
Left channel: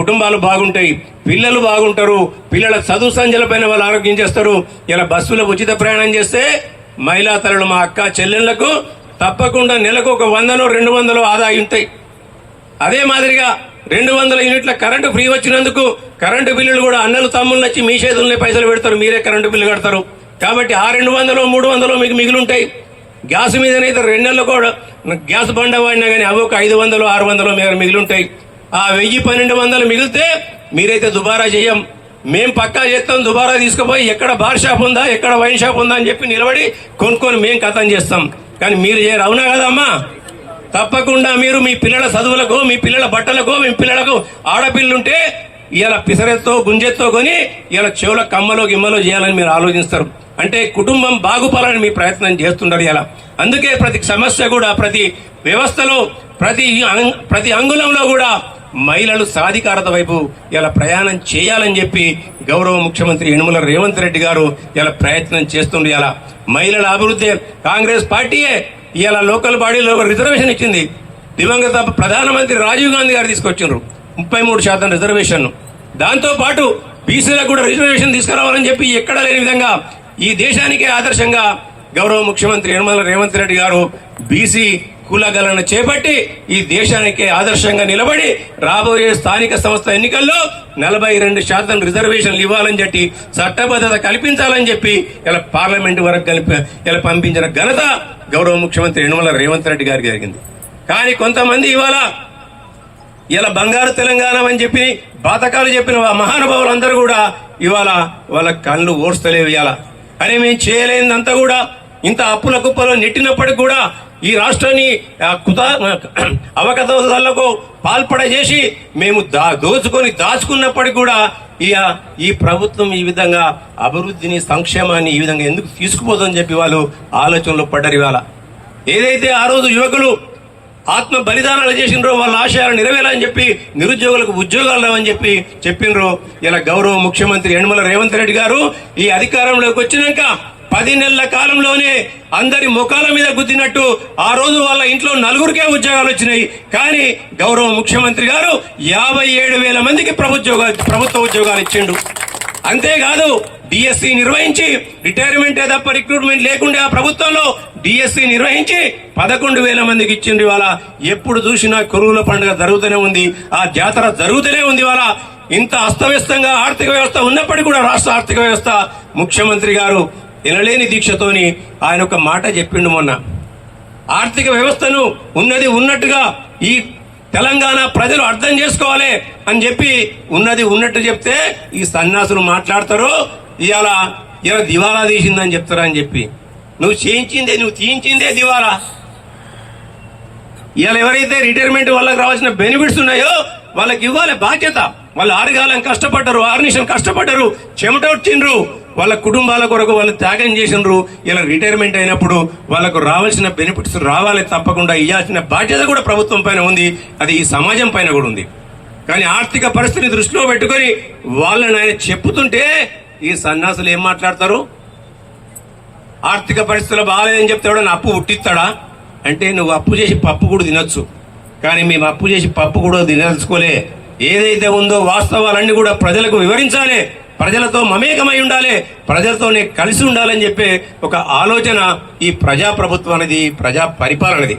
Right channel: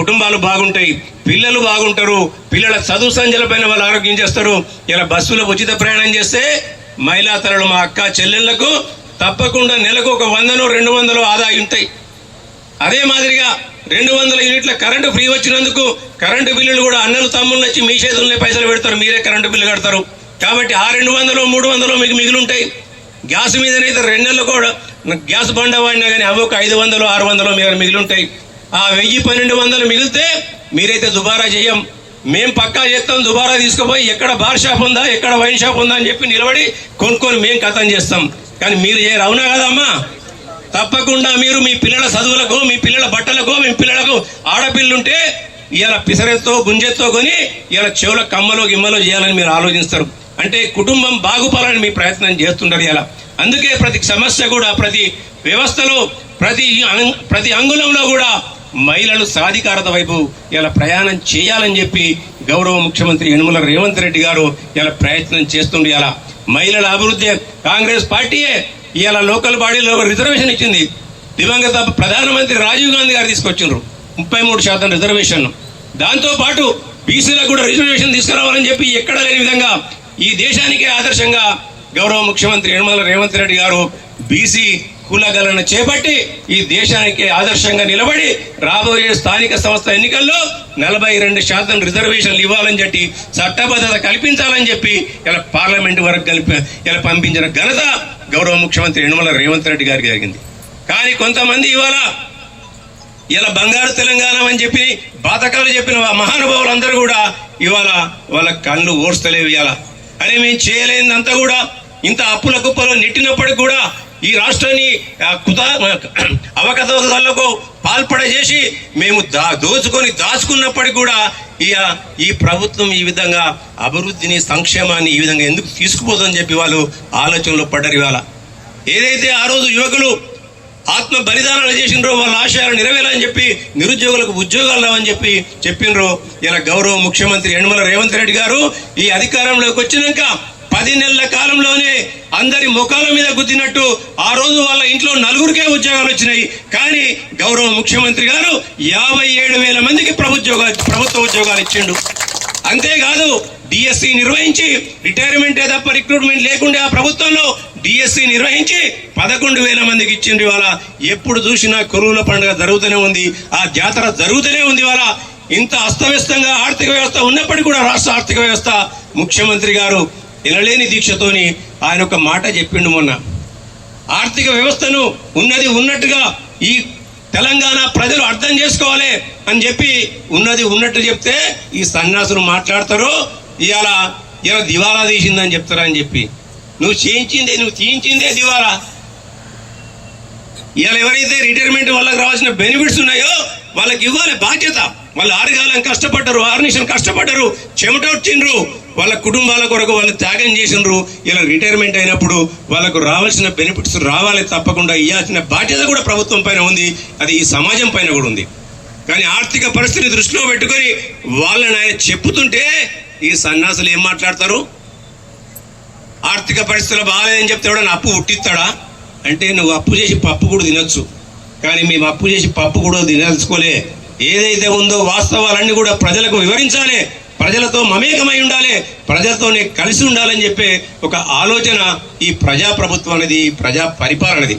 కుటుంబాలు బాగుంటాయి, పిల్లలు బాగుంటారు, పిల్లల చదువు సంధ్యలపైన వాళ్ళు ఆరోగ్యం చేస్తారు. ఇలా బస్సులో ఉచిత ప్రయాణం చేస్తే మహిళా తరలు మా అక్క చెల్లెళ్లకు తప్పకుండా నెలకు ఒక 100-200 ఆదా ఉంటాయి. అదే మాదిరిగా 200 యూనిట్ల కరెంటు ఫ్రీ వచ్చినందుకు కరెంటు బిల్లులు కూడా అన్నలు తమ్ముళ్ళు వచ్చి మీ చేతుల్లోనే పైసలు పెడతారు, మీరే కరెంటు బిల్లు కడతారు. కాబట్టి ఆ 200-300 మీకు మిగిలి ఉంటాయి. గ్యాస్ మీదనైతే 2 నెలలు కూడా గ్యాస్ బండ వాడినా కానీ అవి ఒక 500-600 మీద మిగిలి ఉంటాయి. ఆ 1000-1200 మిగిలితే మీరైతే దుబారా చేయం, మేం పక్కా చేస్తాం. దుబారా తీసుకుపోయి ఎక్కడ బార్ షాప్ ఉందా, ఎక్కడ వైన్ షాప్ ఉందా అని చెప్పి నిలబడి కొనుక్కొని మేం కథం చేస్తాం. కానీ మీరు చేయరు, అవునా కదమ్మా? తప్పకుండా మీరు మీ పిల్లల చదువులకు, మీ పిల్లల బట్టలకు, మీ పిల్లలకు ఆడపిల్లుంటే ఇలా పిసరెత్తో గుంజెత్తో కొని ఇలా చెవుల కమ్మలో గిమ్మలో చేయాలని మీరు ఆలోచిస్తారు. అంటే కుటుంబం బాగుపడాలని మీ ప్రయత్నం చేస్తుంటారు. ఇలా అందుకే ప్రతి సమస్య కూడా, ప్రతి వ్యవస్థలో, ప్రతి అంగుళంలో కూడా మహిళలు సాధికారత వైపు ఇలా ప్రయాణం చేయాలని చెప్పి గౌరవ ముఖ్యమంత్రి యనమల రేవంత్ రెడ్డి గారు ఇలా ప్రయత్నం చేస్తుండే. ఇలా మహిళల అభివృద్ధి కాంగ్రెస్ పార్టీయే ఇలా లోకల్ బాడీలో రిజర్వేషన్ ఇచ్చింది. దివంగత ప్రధానమంత్రి రాజీవ్ గాంధీ గారు తీసుకొచ్చిండ్రు 33% రిజర్వేషన్. దాంతో పాటు బీసీలకు కూడా రిజర్వేషన్ తీసుకురావాలని చెప్పి ఎక్కడ లేని విధంగా ఈ దేశానికే ఆదర్శంగా గౌరవ ముఖ్యమంత్రి యనమల రేవంత్ రెడ్డి గారు బీసీ కులగణన చేపట్టి ఈ దేశానికి ఆదర్శంగా నిలబడి రాబోయే స్థానిక సంస్థ ఎన్నికల్లో 42% రిజర్వేషన్లు ఇవ్వాలని చెప్పి చట్టబద్ధత కల్పించాలని చెప్పి ఇలా పార్లమెంటు వరకు ఇలా పంపించిన ఘనత గౌరవ ముఖ్యమంత్రి యనమల రేవంత్ రెడ్డి గారికి జరిగింది. కానీ కొంతమంది ఇవాళ ఇలా బంగారు తెలంగాణ అని చెప్పి బాతకాలు చెప్పిన మహానుభావులందరూ కూడా ఇవాళ వాళ్ళ కళ్ళు ఓర్స్తలేవు. ఇవాళ అరే మేము చేయలేదంతా కూడా ఇంత అప్పుల కుప్పలో నెట్టినప్పటికి కూడా ఈ రాష్ట్రాన్ని అవకతవకలకు పాల్పడజేసి మేము దాచుకున్నప్పటికీ కూడా ఈ ప్రభుత్వం ఈ విధంగా అభివృద్ధిని, సంక్షేమాన్ని ఈ విధంగా ఎందుకు తీసుకుపోతుందని చెప్పి వాళ్ళు ఆలోచనలో పడ్డారు. ఇవాళ ఏదైతే ఆ రోజు యువకులు ఆత్మ బలిదానాలు చేసిండ్రో వాళ్ళ ఆశయాలు నెరవేరాలని చెప్పి నిరుద్యోగులకు ఉద్యోగాలు లేవని చెప్పి చెప్పిండ్రో ఇలా గౌరవ ముఖ్యమంత్రి యనమల రేవంత్ రెడ్డి గారు ఈ అధికారంలోకి వచ్చినాక 10 నెలల కాలంలోనే అందరి ముఖాల మీద గుద్దినట్టు ఆ రోజు వాళ్ళ ఇంట్లో 4గురికే ఉద్యోగాలు వచ్చినాయి. కానీ గౌరవ ముఖ్యమంత్రి గారు 57,000 మందికి ప్రభుత్వ ఉద్యోగాలు ఇచ్చిండు. అంతేకాదు డిఎస్సి నిర్వహించి రిటైర్మెంట్ తప్ప రిక్రూట్మెంట్ లేకుండా ఆ ప్రభుత్వంలో డిఎస్సి నిర్వహించి 11,000 మందికి ఇచ్చిండ్రు. ఇవాళ ఎప్పుడు చూసినా కొరువుల పండుగ జరుగుతూనే ఉంది, ఆ జాతర జరుగుతూనే ఉంది. ఇవాళ ఇంత అస్తవ్యస్తంగా ఆర్థిక వ్యవస్థ ఉన్నప్పటికీ కూడా రాష్ట్ర ఆర్థిక వ్యవస్థ ముఖ్యమంత్రి గారు ఎనలేని దీక్షతోని ఆయన ఒక మాట చెప్పిండు మొన్న. ఆర్థిక వ్యవస్థను ఉన్నది ఉన్నట్టుగా ఈ తెలంగాణ ప్రజలు అర్థం చేసుకోవాలి అని చెప్పి ఉన్నది ఉన్నట్టు చెప్తే ఈ సన్యాసులు మాట్లాడతారు ఇవాళ దివాలా తీసిందని చెప్తారని చెప్పి. నువ్వు తీయించిందే దివాలా. ఇవాళ ఎవరైతే రిటైర్మెంట్ వాళ్ళకి రావాల్సిన బెనిఫిట్స్ ఉన్నాయో వాళ్ళకి ఇవ్వాలి బాధ్యత. వాళ్ళు 6 కాలం కష్టపడ్డారు, 6 నిమిషాలు కష్టపడ్డారు, చెమటొచ్చిండ్రు, వాళ్ళ కుటుంబాల కొరకు వాళ్ళు త్యాగం చేసిండ్రు. ఇలా రిటైర్మెంట్ అయినప్పుడు వాళ్ళకు రావాల్సిన బెనిఫిట్స్ రావాలి, తప్పకుండా ఇవ్వాల్సిన బాధ్యత కూడా ప్రభుత్వం పైన ఉంది, అది ఈ సమాజం పైన కూడా ఉంది. కానీ ఆర్థిక పరిస్థితిని దృష్టిలో పెట్టుకొని వాళ్ళని ఆయన చెప్పుతుంటే ఈ సన్యాసులు ఏం మాట్లాడతారు? ఆర్థిక పరిస్థితులు బాగాలేదని చెప్తాడు, అప్పు పుట్టిస్తాడా అంటే నువ్వు అప్పు చేసి పప్పు కూడా తినొచ్చు, కానీ మేము అప్పు చేసి పప్పు కూడా తినదలుచుకోలే. ఏదైతే ఉందో వాస్తవాలన్నీ కూడా ప్రజలకు వివరించాలి, ప్రజలతో మమేకమై ఉండాలి, ప్రజలతోనే కలిసి ఉండాలని చెప్పే ఒక ఆలోచన ఈ ప్రజాప్రభుత్వం అనేది, ప్రజా పరిపాలనది.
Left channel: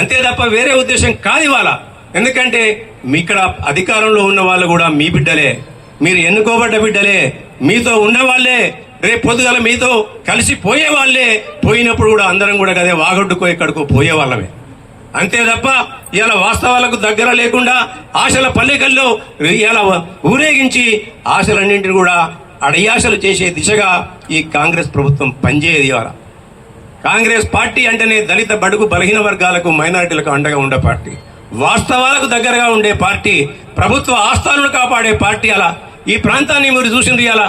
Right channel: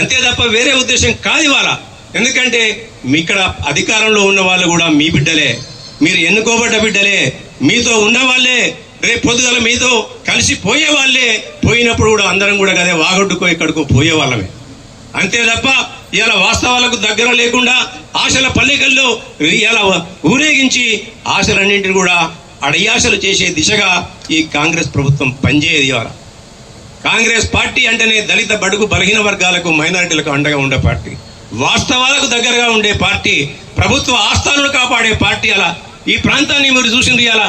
అంతే తప్ప వేరే ఉద్దేశం కాదు ఇవాళ. ఎందుకంటే ఇక్కడ అధికారంలో ఉన్న వాళ్ళు కూడా మీ బిడ్డలే, మీరు ఎన్నుకోబడ్డ బిడ్డలే, మీతో ఉన్న వాళ్ళే, రేపు పొద్దుగల మీతో కలిసి పోయే వాళ్ళే. పోయినప్పుడు కూడా అందరం కూడా అదే వాగొడ్డుకో ఎక్కడికో పోయే వాళ్ళమే. అంతే తప్ప ఇలా వాస్తవాలకు దగ్గర లేకుండా ఆశల పల్లెకల్లో ఇలా ఊరేగించి ఆశలన్నింటినీ కూడా అడియాశలు చేసే దిశగా ఈ కాంగ్రెస్ ప్రభుత్వం పనిచేయదు. ఇవాళ కాంగ్రెస్ పార్టీ అంటేనే దళిత బడుగు బలహీన వర్గాలకు మైనారిటీలకు అండగా ఉండే పార్టీ, వాస్తవాలకు దగ్గరగా ఉండే పార్టీ, ప్రభుత్వ ఆస్థానాలను కాపాడే పార్టీ. అలా ఈ ప్రాంతాన్ని మీరు చూసిండ్రు. ఇవాళ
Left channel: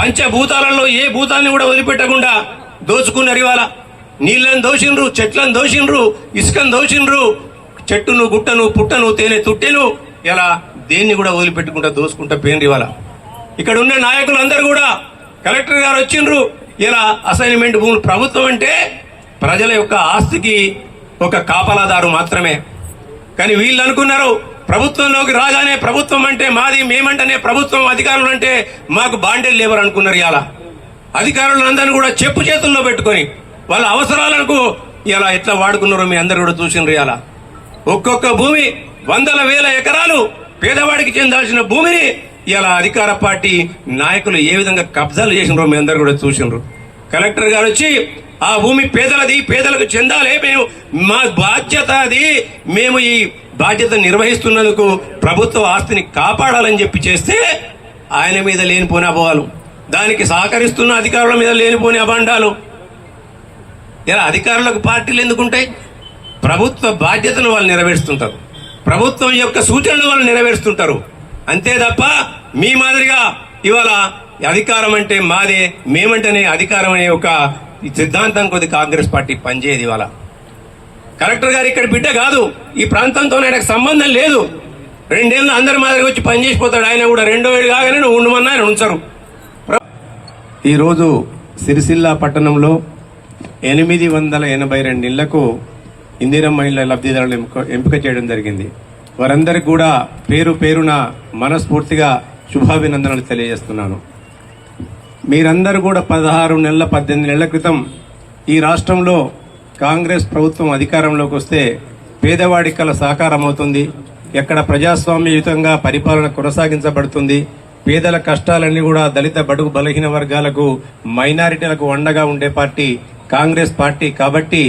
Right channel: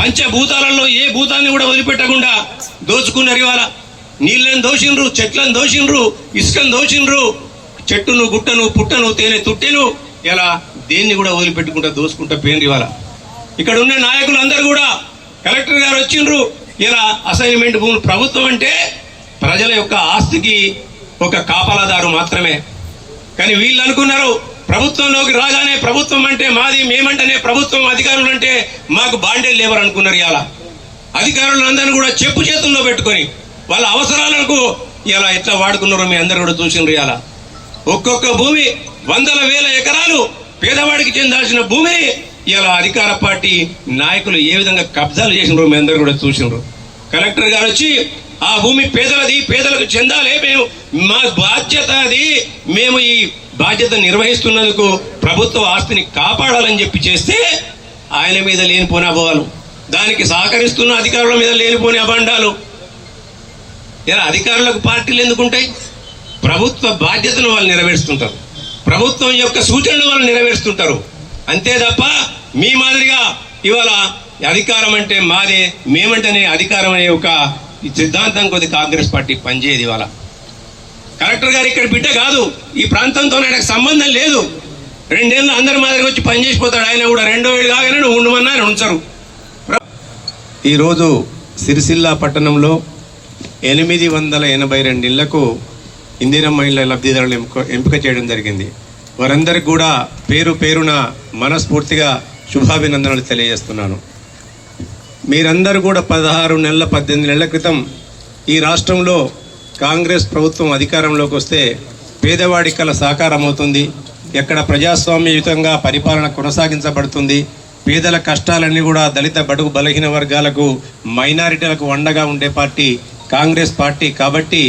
పంచభూతాలలో ఏ భూతాన్ని కూడా వదిలిపెట్టకుండా దోచుకున్నారు. ఇవాళ నీళ్ళని దోషిండ్రు, చెట్లను దోషిండ్రు, ఇసుకను దోషిండ్రు, చెట్టును గుట్టను పుట్టను తేనె తుట్టెలు ఇలా దేన్ని కూడా వదిలిపెట్టుకుంటా దోచుకుంటా పోయినరు. ఇవాళ ఇక్కడ ఉన్న నాయకులు అందరూ కూడా కలెక్టర్ గారు వచ్చిండ్రు. ఇలా అసైన్మెంట్ భూములు, ప్రభుత్వం అంటే ప్రజల యొక్క ఆస్తికి ఒక కాపలాదారు మాత్రమే. కానీ వీళ్ళు అనుకున్నారు ప్రభుత్వంలోకి రాగానే ప్రభుత్వం అంటే మాది, మేమంటేనే ప్రభుత్వం, అధికారులు అంటే మాకు బాండేలు లేవరు అనుకున్నారు. ఇలా అధికారులందరినీ కూడా చెప్పు చేతుల్లో పెట్టుకొని వాళ్ళ అవసరాలకు ఇలా ఎట్లా వాడుకున్నారో మీ అందరూ కూడా చూసినారు. ఇలా ఒక్కొక్క భూమి వందల వేల ఎకరాలు పేదవాడికి చెందాల్సిన భూమిని ఇలా అధికార పార్టీ నాయకులు ఏ విధంగా కబ్జాలు చేసినారో మీ అందరూ కూడా చూసినారు. కలెక్టర్ గారు వచ్చి ఆ భూమి పేదలది, పేదలకు చెందాలి, మేము మా బాధ్యత అది, మేము ఈ బాధ్యత నిర్వహిస్తున్నందుకు ప్రభుత్వ ఆస్తిని కాపాడాలని చెప్పి చేస్తే ఆయన మీద లేనిపోని అభావాలు, దానికి సహకరిస్తున్న అధికారుల మీద లేనిపోని అభండాలు. ఇలా అధికారులకు పార్టీలు ఎందుకుంటాయి? ప్రభుత్వ బాధ్యతను వాళ్ళు నెరవేరుస్తుంటారు, ప్రభుత్వం యొక్క సూచనలు వాళ్ళు నెరవేరుస్తుంటారు. అంతే తప్ప మీ మాదిరిగా ఇవాళ అధికారం అంటే మాదే, మేమంటేనే అధికారం అనే ఒక సిద్ధాంతం కొద్ది కాంగ్రెస్ పార్టీ పనిచేయదు. ఇవాళ కలెక్టర్ గారు ఇక్కడ బిడ్డ కాదు, ఈ ప్రాంతంతో నాకు సంబంధం లేదు. 2 ఏళ్ళు అందరి మాదిరిగా వచ్చి పనిచేసిపోతాడు. ఆయన కూడా 2వ ఏడు కాగానే నువ్వు ఉండమన్నా ఆయన ఉంచరు. ఈరోజు సిరిసిల్ల పట్టణంలో 882 ఇళ్లకు ఇందిరమ్మ ఇళ్ల లబ్ధిదారులు ఎంపిక చేయడం జరిగింది. వారందరికీ కూడా పేరు పేరున మనస్ఫూర్తిగా శుభాభినందనలు తెలియజేస్తున్నాను. మీరందరూ కూడా 16 నెలల 18 నెలల క్రితం ఈ రాష్ట్రంలో కాంగ్రెస్ ప్రభుత్వం అధికారంలోకి వస్తే పేదవాడి కల సాకారం అవుతుంది, ఎక్కడ ప్రజాస్వామ్యయుతంగా పరిపాలన కొనసాగించబడుతుంది, పేదల కష్టాలన్నీ కూడా దళిత బడుగు బలహీన వర్గాలకు, మైనారిటీలకు అండగా ఉండే పార్టీ కాంగ్రెస్ పార్టీ. కాబట్టి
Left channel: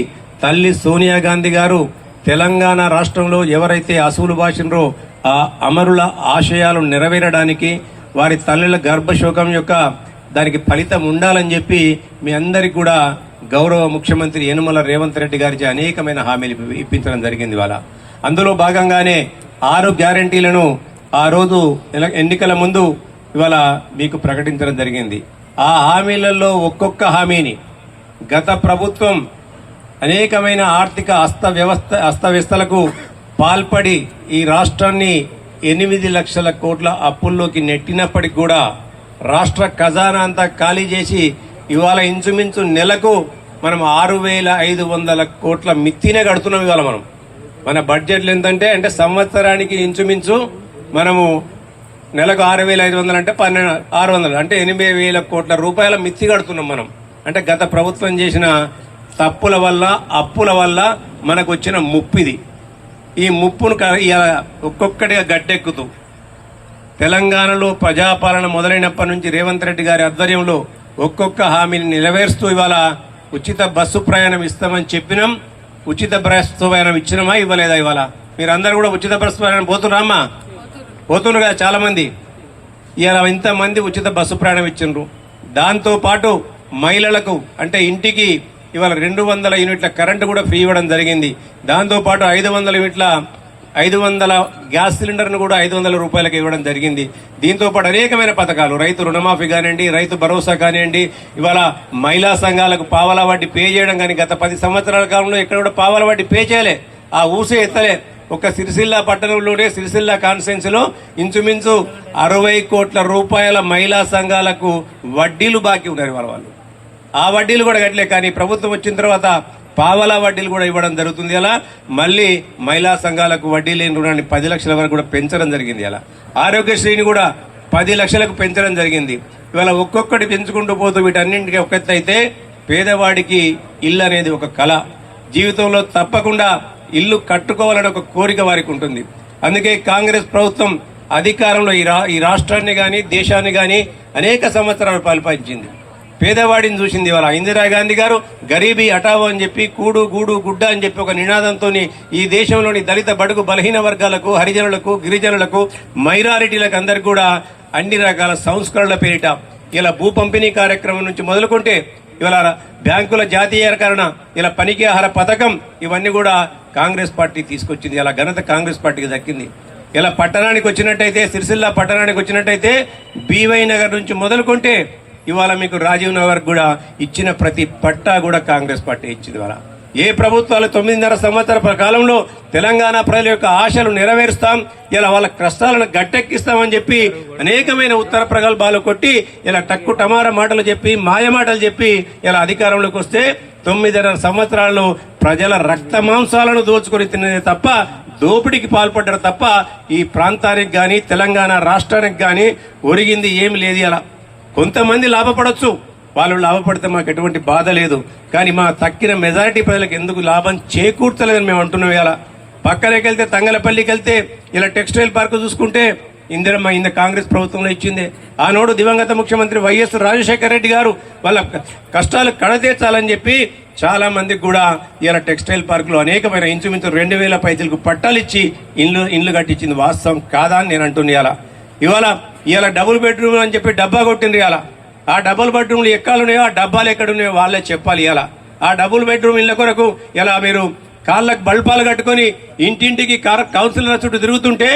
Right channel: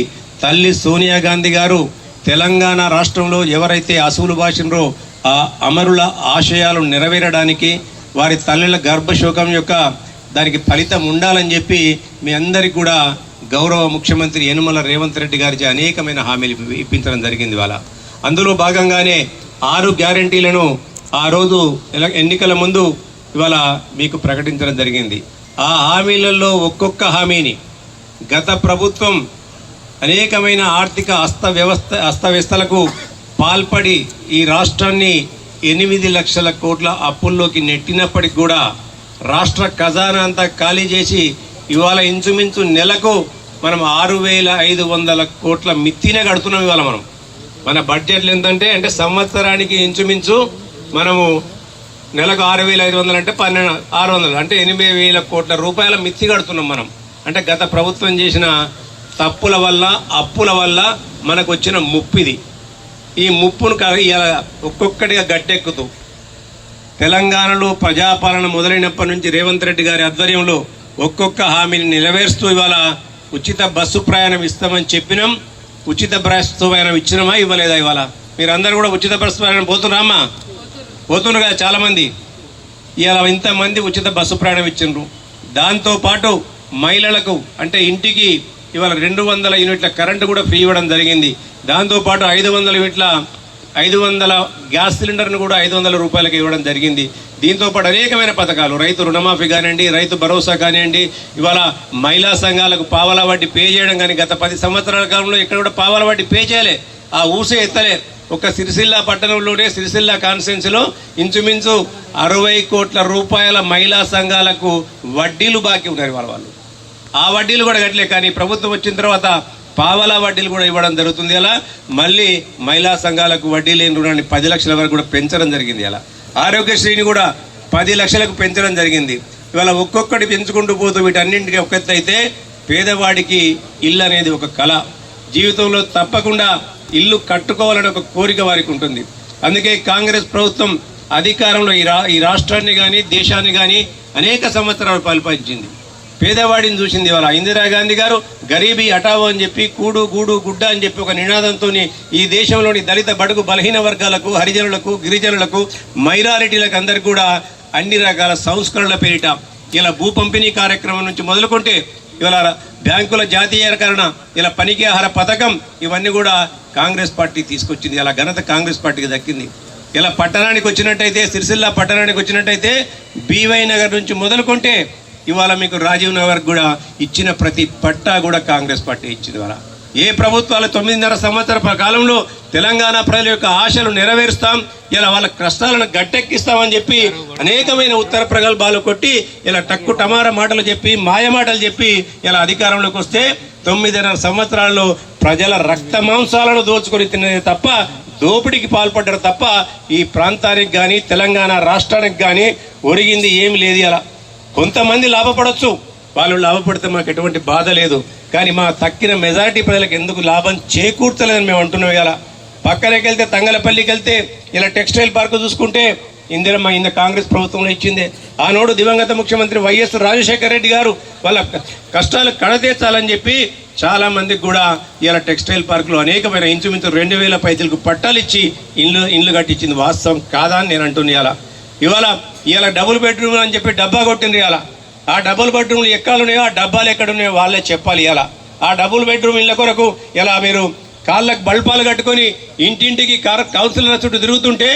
తల్లి సోనియా గాంధీ గారు తెలంగాణ రాష్ట్రంలో ఎవరైతే అసూలు బాసినరో ఆ అమరుల ఆశయాలు నెరవేరడానికి, వారి తల్లుల గర్భశోకం యొక్క దానికి ఫలితం ఉండాలని చెప్పి మీ అందరికీ కూడా గౌరవ ముఖ్యమంత్రి యనుమల రేవంత్ రెడ్డి గారికి అనేకమైన హామీలు ఇప్పించడం జరిగింది. ఇవాళ అందులో భాగంగానే 6 గ్యారంటీలను ఆ రోజు ఎన్నికల ముందు ఇవాళ మీకు ప్రకటించడం జరిగింది. ఆ హామీలలో ఒక్కొక్క హామీని గత ప్రభుత్వం అనేకమైన ఆర్థిక అస్తవ్యస్తలకు పాల్పడి ఈ రాష్ట్రాన్ని 8 లక్షల కోట్ల అప్పుల్లోకి నెట్టినప్పటికి కూడా రాష్ట్ర ఖజానా అంతా ఖాళీ చేసి ఇవాళ ఇంచుమించు నెలకు మనం 6,500 కోట్ల మిత్తినే కడుతున్నాం. ఇవాళ మన బడ్జెట్లు ఎంతంటే అంటే సంవత్సరానికి ఇంచుమించు మనము నెలకు 6,500 అంటే 1,600 అంటే 8,000 కోట్ల రూపాయల మిత్తి కడుతున్నాం మనం. అంటే గత ప్రభుత్వం చేసిన తప్పుల వల్ల, అప్పుల వల్ల మనకు వచ్చిన ముప్పిది. ఈ ముప్పును ఒక్కొక్కటిగా గట్టెక్కుతూ తెలంగాణలో ప్రజాపాలన మొదలైనప్పటి నుంచి రేవంత్ రెడ్డి గారి ఆధ్వర్యంలో ఒక్కొక్క హామీని నెరవేరుస్తూ ఇవాళ ఉచిత బస్సు ప్రయాణం ఇస్తామని చెప్పినాం. ఉచిత బస్సు ప్రయాణం ఇచ్చినామా, ఇవ్వలేదా? ఇవాళ మీరందరూ కూడా ఉచిత బస్సు ప్రయాణం పోతున్నారమ్మా? పోతున్నారు కదా చాలామంది. ఇలా ఇంతమంది ఉచిత బస్సు ప్రయాణం ఇచ్చిండ్రు. దాంతోపాటు మహిళలకు అంటే ఇంటికి ఇవాళ 200 యూనిట్ల కరెంటు కూడా ఫ్రీ ఇవ్వడం జరిగింది. దాంతోపాటు 500 యూనిట్ల 500 గ్యాస్ సిలిండర్ను కూడా 500 రూపాయలకు ఇవ్వడం జరిగింది. దీంతోపాటు అనేకమైన పథకాలు, రైతు రుణమాఫీ కానివ్వండి, రైతు భరోసా కానివ్వండి, ఇవాళ మహిళా సంఘాలకు పావలా వడ్డీ పే చేయడం కానీ గత 10 సంవత్సరాల కాలంలో ఎక్కడ కూడా పావలా వడ్డీ పే చేయలే, ఆ ఊసే ఎత్తలే. ఒక సిరిసిల్ల పట్టణంలోనే సిరిసిల్ల కాన్స్టిట్యున్సీలో ఇంచుమించు 60 కోట్ల రూపాయల మహిళా సంఘాలకు వడ్డీలు బాకీ ఉన్నారు వాళ్ళు. ఆ వడ్డీలు కూడా కట్టలే. కానీ ప్రభుత్వం వచ్చిన తర్వాత పావలా వడ్డీలు కూడా ఇవ్వడం జరుగుతుంది. అలా మళ్ళీ మహిళా సంఘాలకు వడ్డీ లేని రుణాన్ని 10 లక్షల వరకు కూడా పెంచడం జరిగింది. అలా ఆరోగ్యశ్రీని కూడా 10 లక్షలకు పెంచడం జరిగింది. ఇవాళ ఒక్కొక్కటి పెంచుకుంటూ పోతూ వీటన్నింటికి ఒక ఎత్తు అయితే పేదవాడికి ఇల్లు అనేది ఒక కళ. జీవితంలో తప్పకుండా ఇల్లు కట్టుకోవాలని ఒక కోరిక వారికి ఉంటుంది. అందుకే కాంగ్రెస్ ప్రభుత్వం అధికారంలో ఈ రాష్ట్రాన్ని కానీ దేశాన్ని కానీ అనేక సంవత్సరాలు పరిపాలించింది. పేదవాడిని చూసింది. ఇవాళ ఇందిరాగాంధీ గారు గరీబీ హఠావో అని చెప్పి కూడు గూడు గుడ్డ అని చెప్పి ఒక నినాదంతో ఈ దేశంలోని దళిత బడుగు బలహీన వర్గాలకు, హరిజనులకు, గిరిజనులకు, మైనారిటీలకు అందరికీ కూడా అన్ని రకాల సంస్కరణల పేరిట ఇలా భూ పంపిణీ కార్యక్రమం నుంచి మొదలుకుంటే ఇవాళ బ్యాంకుల జాతీయకరణ, ఇలా పనికి ఆహార పథకం, ఇవన్నీ కూడా కాంగ్రెస్ పార్టీ తీసుకొచ్చింది. ఇలా ఘనత కాంగ్రెస్ పార్టీకి దక్కింది. ఇలా పట్టణానికి వచ్చినట్టయితే, సిరిసిల్ల పట్టణానికి వచ్చినట్టయితే బీవై నగర్ నుంచి మొదలుకుంటే ఇవాళ మీకు రాజీవ్ నగర్ కూడా ఇచ్చిన ప్రతి పట్టా కూడా కాంగ్రెస్ పార్టీ ఇచ్చింది. ఇవాళ ఏ ప్రభుత్వాలు 9.5 సంవత్సరాల కాలంలో తెలంగాణ ప్రజల యొక్క ఆశలు నెరవేరుస్తాం, ఇలా వాళ్ళ కష్టాలను గట్టెక్కిస్తామని చెప్పి అనేకమైన ఉత్తర ప్రగల్భాలు కొట్టి ఇలా టక్కు టమార మాటలు చెప్పి, మాయ మాటలు చెప్పి ఇలా అధికారంలోకి వస్తే 9.5 సంవత్సరాల్లో ప్రజల రక్త మాంసాలను దోచుకొని తినేది తప్ప, దోపిడీకి పాల్పడ్డారు తప్ప ఈ ప్రాంతానికి కానీ తెలంగాణ రాష్ట్రానికి కానీ ఒరిగింది ఏమి లేదు. అలా కొంతమంది లాభపడవచ్చు, వాళ్ళు లాభపడితే మాకు ఎటువంటి బాధ లేదు. కానీ మా తక్కిన మెజారిటీ ప్రజలకు ఎందుకు లాభం చేకూర్చలేదని మేము అంటున్నాం. ఇలా పక్కనకి వెళ్తే తంగలపల్లికి వెళ్తే ఇలా టెక్స్టైల్ పార్క్ చూసుకుంటే ఇందిరమ్మ ఇంత కాంగ్రెస్ ప్రభుత్వంలో ఇచ్చింది. ఆనాడు దివంగత ముఖ్యమంత్రి వైఎస్ రాజశేఖర రెడ్డి గారు వాళ్ళ కష్టాలు కడతీర్చాలని చెప్పి చాలా మందికి కూడా ఇలా టెక్స్టైల్ పార్కులో అనేకమైన ఇంచుమించు 2000 పైసలకు పట్టాలు ఇచ్చి ఇండ్లు కట్టించింది. వాస్తవం కాదా అని నేను అంటున్నా. ఇవాళ డబుల్ బెడ్రూమ్ అని చెప్పి డబ్బా కొట్టింది. ఇలా ఆ డబుల్ బెడ్రూమ్లు ఎక్కడున్నాయో, ఆ డబ్బాలు ఎక్కడున్నాయో వాళ్ళే చెప్పాలి. ఇలా ఆ డబుల్ బెడ్రూమ్ ఇళ్ళ కొరకు ఇలా మీరు కాళ్ళకు బల్పాలు కట్టుకొని ఇంటింటికి కౌన్సిలర్ చుట్టూ తిరుగుతుంటే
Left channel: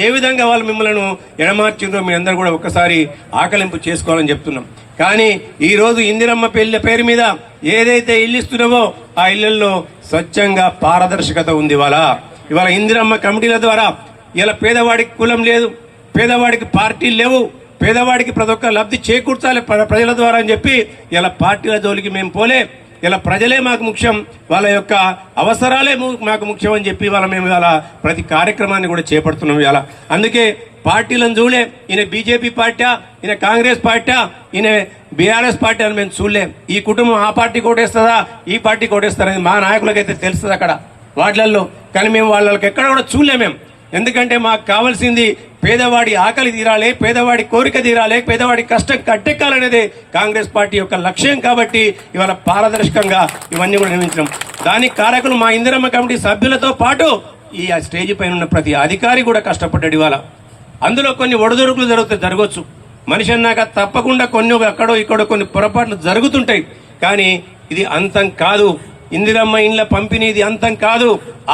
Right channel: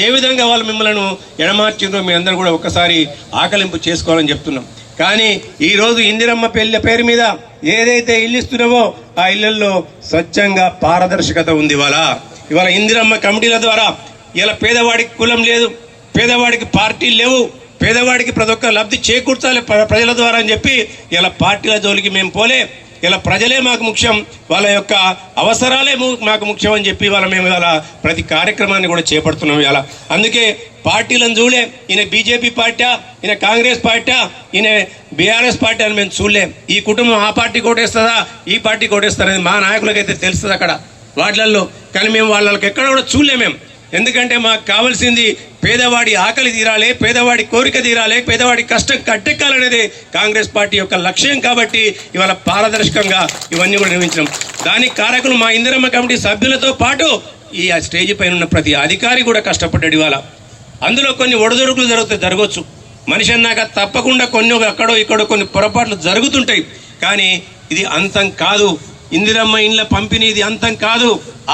ఏ విధంగా వాళ్ళు మిమ్మల్ని ఎడమార్చిందో మీ అందరూ కూడా ఒక్కసారి ఆకలింపు చేసుకోవాలని చెప్తున్నాం. కానీ ఈ రోజు ఇందిరమ్మ పేరు మీద ఏదైతే ఇల్లు ఇస్తున్నావో ఆ ఇళ్లలో స్వచ్ఛంగా పారదర్శకత ఉంది. ఇవాళ ఇందిరమ్మ కమిటీల ద్వారా ఇలా పేదవాడికి కులం లేదు, పేదవాడికి పార్టీలు లేవు, పేదవాడికి ప్రతి ఒక్క లబ్ధి చేకూర్చాలి ప్రజల ద్వారా అని చెప్పి ఇలా పార్టీల జోలికి మేము పోలే. ఇలా ప్రజలే మాకు ముఖ్యం, వాళ్ళ యొక్క అవసరాలే మాకు ముఖ్యం అని చెప్పి మేము ఇవాళ ప్రతి కార్యక్రమాన్ని కూడా చేపడుతున్నాం. ఇలా అందుకే పార్టీలను చూడలే. ఈయన బీజేపీ పార్టీ, ఈయన కాంగ్రెస్ పార్టీ, ఈయన బీఆర్ఎస్ పార్టీ అని మేము చూడలేం. ఈ కుటుంబం ఆ పార్టీ కోటేస్తుందా, ఈ పార్టీ కోటేస్తారనేది మా నాయకులకైతే తెలుస్తుంది అక్కడ వాటిలలో. కానీ మేము వాళ్ళకి ఎక్కడ కూడా చూడలేం మేము. ఎందుకంటే మాకు కావాల్సింది పేదవాడి ఆకలి తీరాలి, పేదవాడి కోరిక తీరాలి, పేదవాడి కష్టం కట్టెక్కాలనేది కాంగ్రెస్ పార్టీ యొక్క లక్ష్యం. కాబట్టి ఇవాళ పారదర్శకంగా ఇవన్నీ కూడా నిర్మించడం. దానికి కారకులు మా ఇందిరమ్మ కమిటీ సభ్యులతో పాటు ఈ స్టేజ్ పైన ఉన్న ప్రతి అధికారి కూడా కష్టపడ్డాడు. ఇవాళ అందులో కొన్ని ఒడిదొడుకులు జరగవచ్చు. మనిషి అన్నాక తప్పకుండా కొన్ని అక్కడో ఇక్కడో కొన్ని పొరపాట్లు జరుగుతుంటాయి. కానీ ఇది అంతం కాదు. ఇందిరమ్మ ఇండ్ల పంపిణీది అంతం కాదు,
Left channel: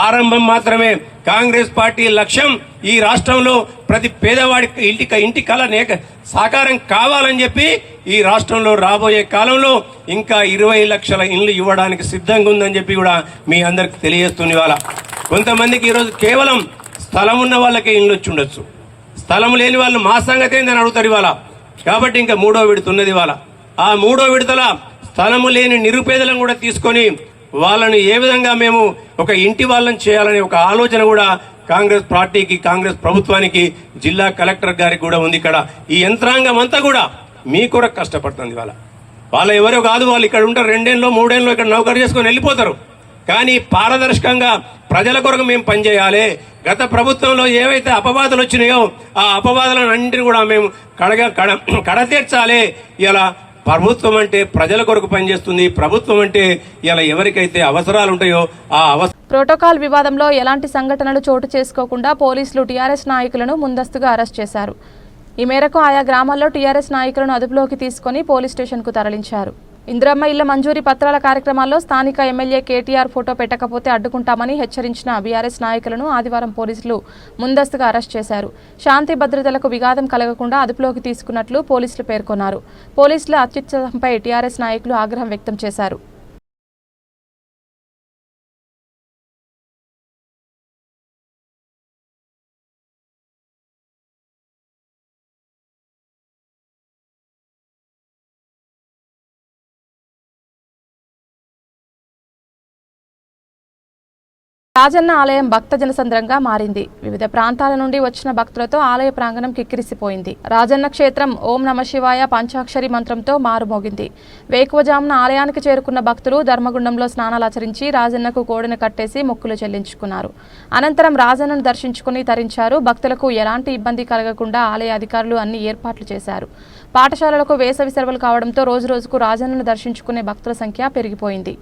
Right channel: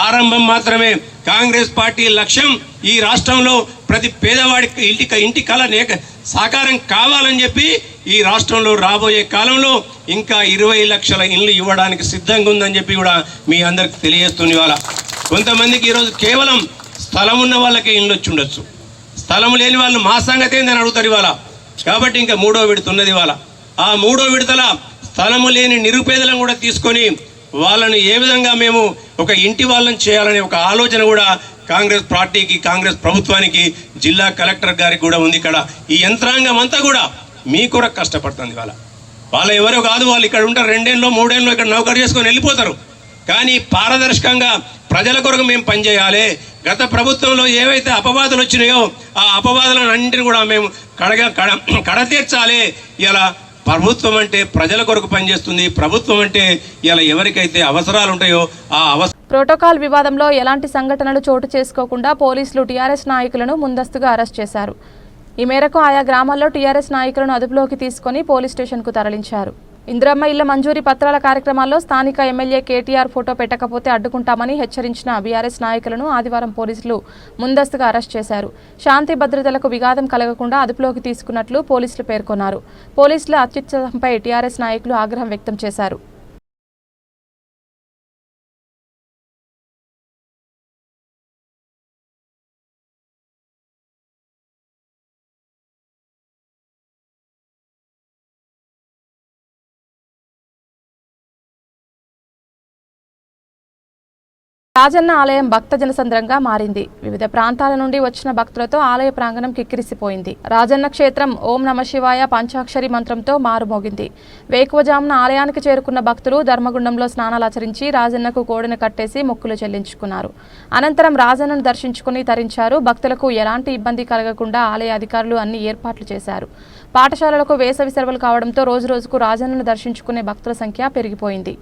ఆరంభం మాత్రమే. కాంగ్రెస్ పార్టీ లక్ష్యం ఈ రాష్ట్రంలో ప్రతి పేదవాడికి ఇంటి కళ సాకారం కావాలని చెప్పి ఈ రాష్ట్రంలో రాబోయే కాలంలో ఇంకా 20 లక్షల ఇండ్లు ఇవ్వడానికి సిద్ధంగా ఉందని చెప్పి కూడా మీ అందరికి తెలియజేస్తుంది. ఇవాళ కొంతమందికి ఈరోజు కేవలం స్థలం ఉన్న వాళ్ళకే ఇండ్లు వచ్చి ఉండొచ్చు, స్థలం లేని వాళ్ళు మా సంగతి ఏందని అడుగుతారు ఇవాళ. కాబట్టి ఇంకా 3వ విడత ఉన్నది. ఇవాళ ఆ 3వ విడతల స్థలము లేని నిరుపేదలను కూడా తీసుకొని వాళ్ళని ఏ విధంగా మేము ఒక ఇంటి వాళ్ళని చేయాలనే ఒక ఆలోచన కూడా కాంగ్రెస్ పార్టీకి, కాంగ్రెస్ ప్రభుత్వానికి, జిల్లా కలెక్టర్ గారికి కూడా ఉంది. ఇక్కడ ఈ యంత్రాంగం అంతా కూడా మీ కొరకు కష్టపడుతుంది. వాళ్ళ ఎవరో కాదు, వాళ్ళు ఇక్కడ ఉంటారు 2 ఏళ్ళలో 3 ఏళ్ళలో ఇక్కడ నౌకరు చేసుకొని వెళ్ళిపోతారు. కానీ పారదర్శకంగా ప్రజల కొరకు మేము పనిచేయాలి. గత ప్రభుత్వంలో ఏవైతే అపవాదులు వచ్చినాయో ఆ అపవాదులను అన్నింటినీ కూడా మేము కడతీర్చాలి. ఇలా ప్రభుత్వం అంటే ప్రజల కొరకు పనిచేస్తుంది. ప్రభుత్వం అంటే ఇలా ఎవరికైతే అవసరాలు ఉంటాయో ఆ ప్రోటోకాల్ వివాదంలో ఎలాంటి సంఘటనలు చోటు చేసుకోకుండా పోలీసులు టీఆర్ఎస్ నాయకులను ముందస్తుగా అరెస్ట్ చేశారు. ఈ మేరకు ఆయా గ్రామాల్లో టీఆర్ఎస్ నాయకులను అదుపులోకి తీసుకుని పోలీస్ స్టేషన్కు తరలించారు. ఇందిరమ్మ ఇళ్ల మంజూరీ పత్రాల కార్యక్రమాల్లో స్థానిక ఎమ్మెల్యే కేటీఆర్ ఫోటో పెట్టకపోతే అడ్డుకుంటామని హెచ్చరించిన బీఆర్ఎస్ నాయకులను ఆదివారం పోలీసులు ముందస్తుగా అరెస్ట్ చేశారు. శాంతి భద్రతలకు విఘాతం కలగకుండా అదుపులోకి తీసుకున్నట్లు పోలీసులు పేర్కొన్నారు. పోలీసుల అత్యుత్సాహంపై టీఆర్ఎస్ నాయకులు ఆగ్రహం వ్యక్తం చేశారు. రాజన్న ఆలయం భక్త జనసంద్రంగా మారింది. వివిధ ప్రాంతాల నుండి వచ్చిన భక్తులతో ఆలయ ప్రాంగణం కిక్కిరిసిపోయింది. రాజన్న క్షేత్రం ఓం నమ శివాయ పంచాక్షరి మంత్రంతో మారుమోగింది. వేకువజామున ఆలయానికి చేరుకున్న భక్తులు ధర్మగుండంలో స్నానాలాచరించి రాజన్నకు కోడిని కట్టేసి మొక్కులు చెల్లించుకున్నారు. అనంతరం రాజన్నను దర్శించుకుని తరించారు. భక్తులకు ఎలాంటి ఇబ్బంది కలగకుండా ఆలయ అధికారులు అన్ని ఏర్పాట్లు చేశారు. పాఠశాలలకు వేసవి సెలవులు కావడంతో రోజురోజుకు రాజన్నను దర్శించుకునే భక్తుల సంఖ్య పెరిగిపోయింది.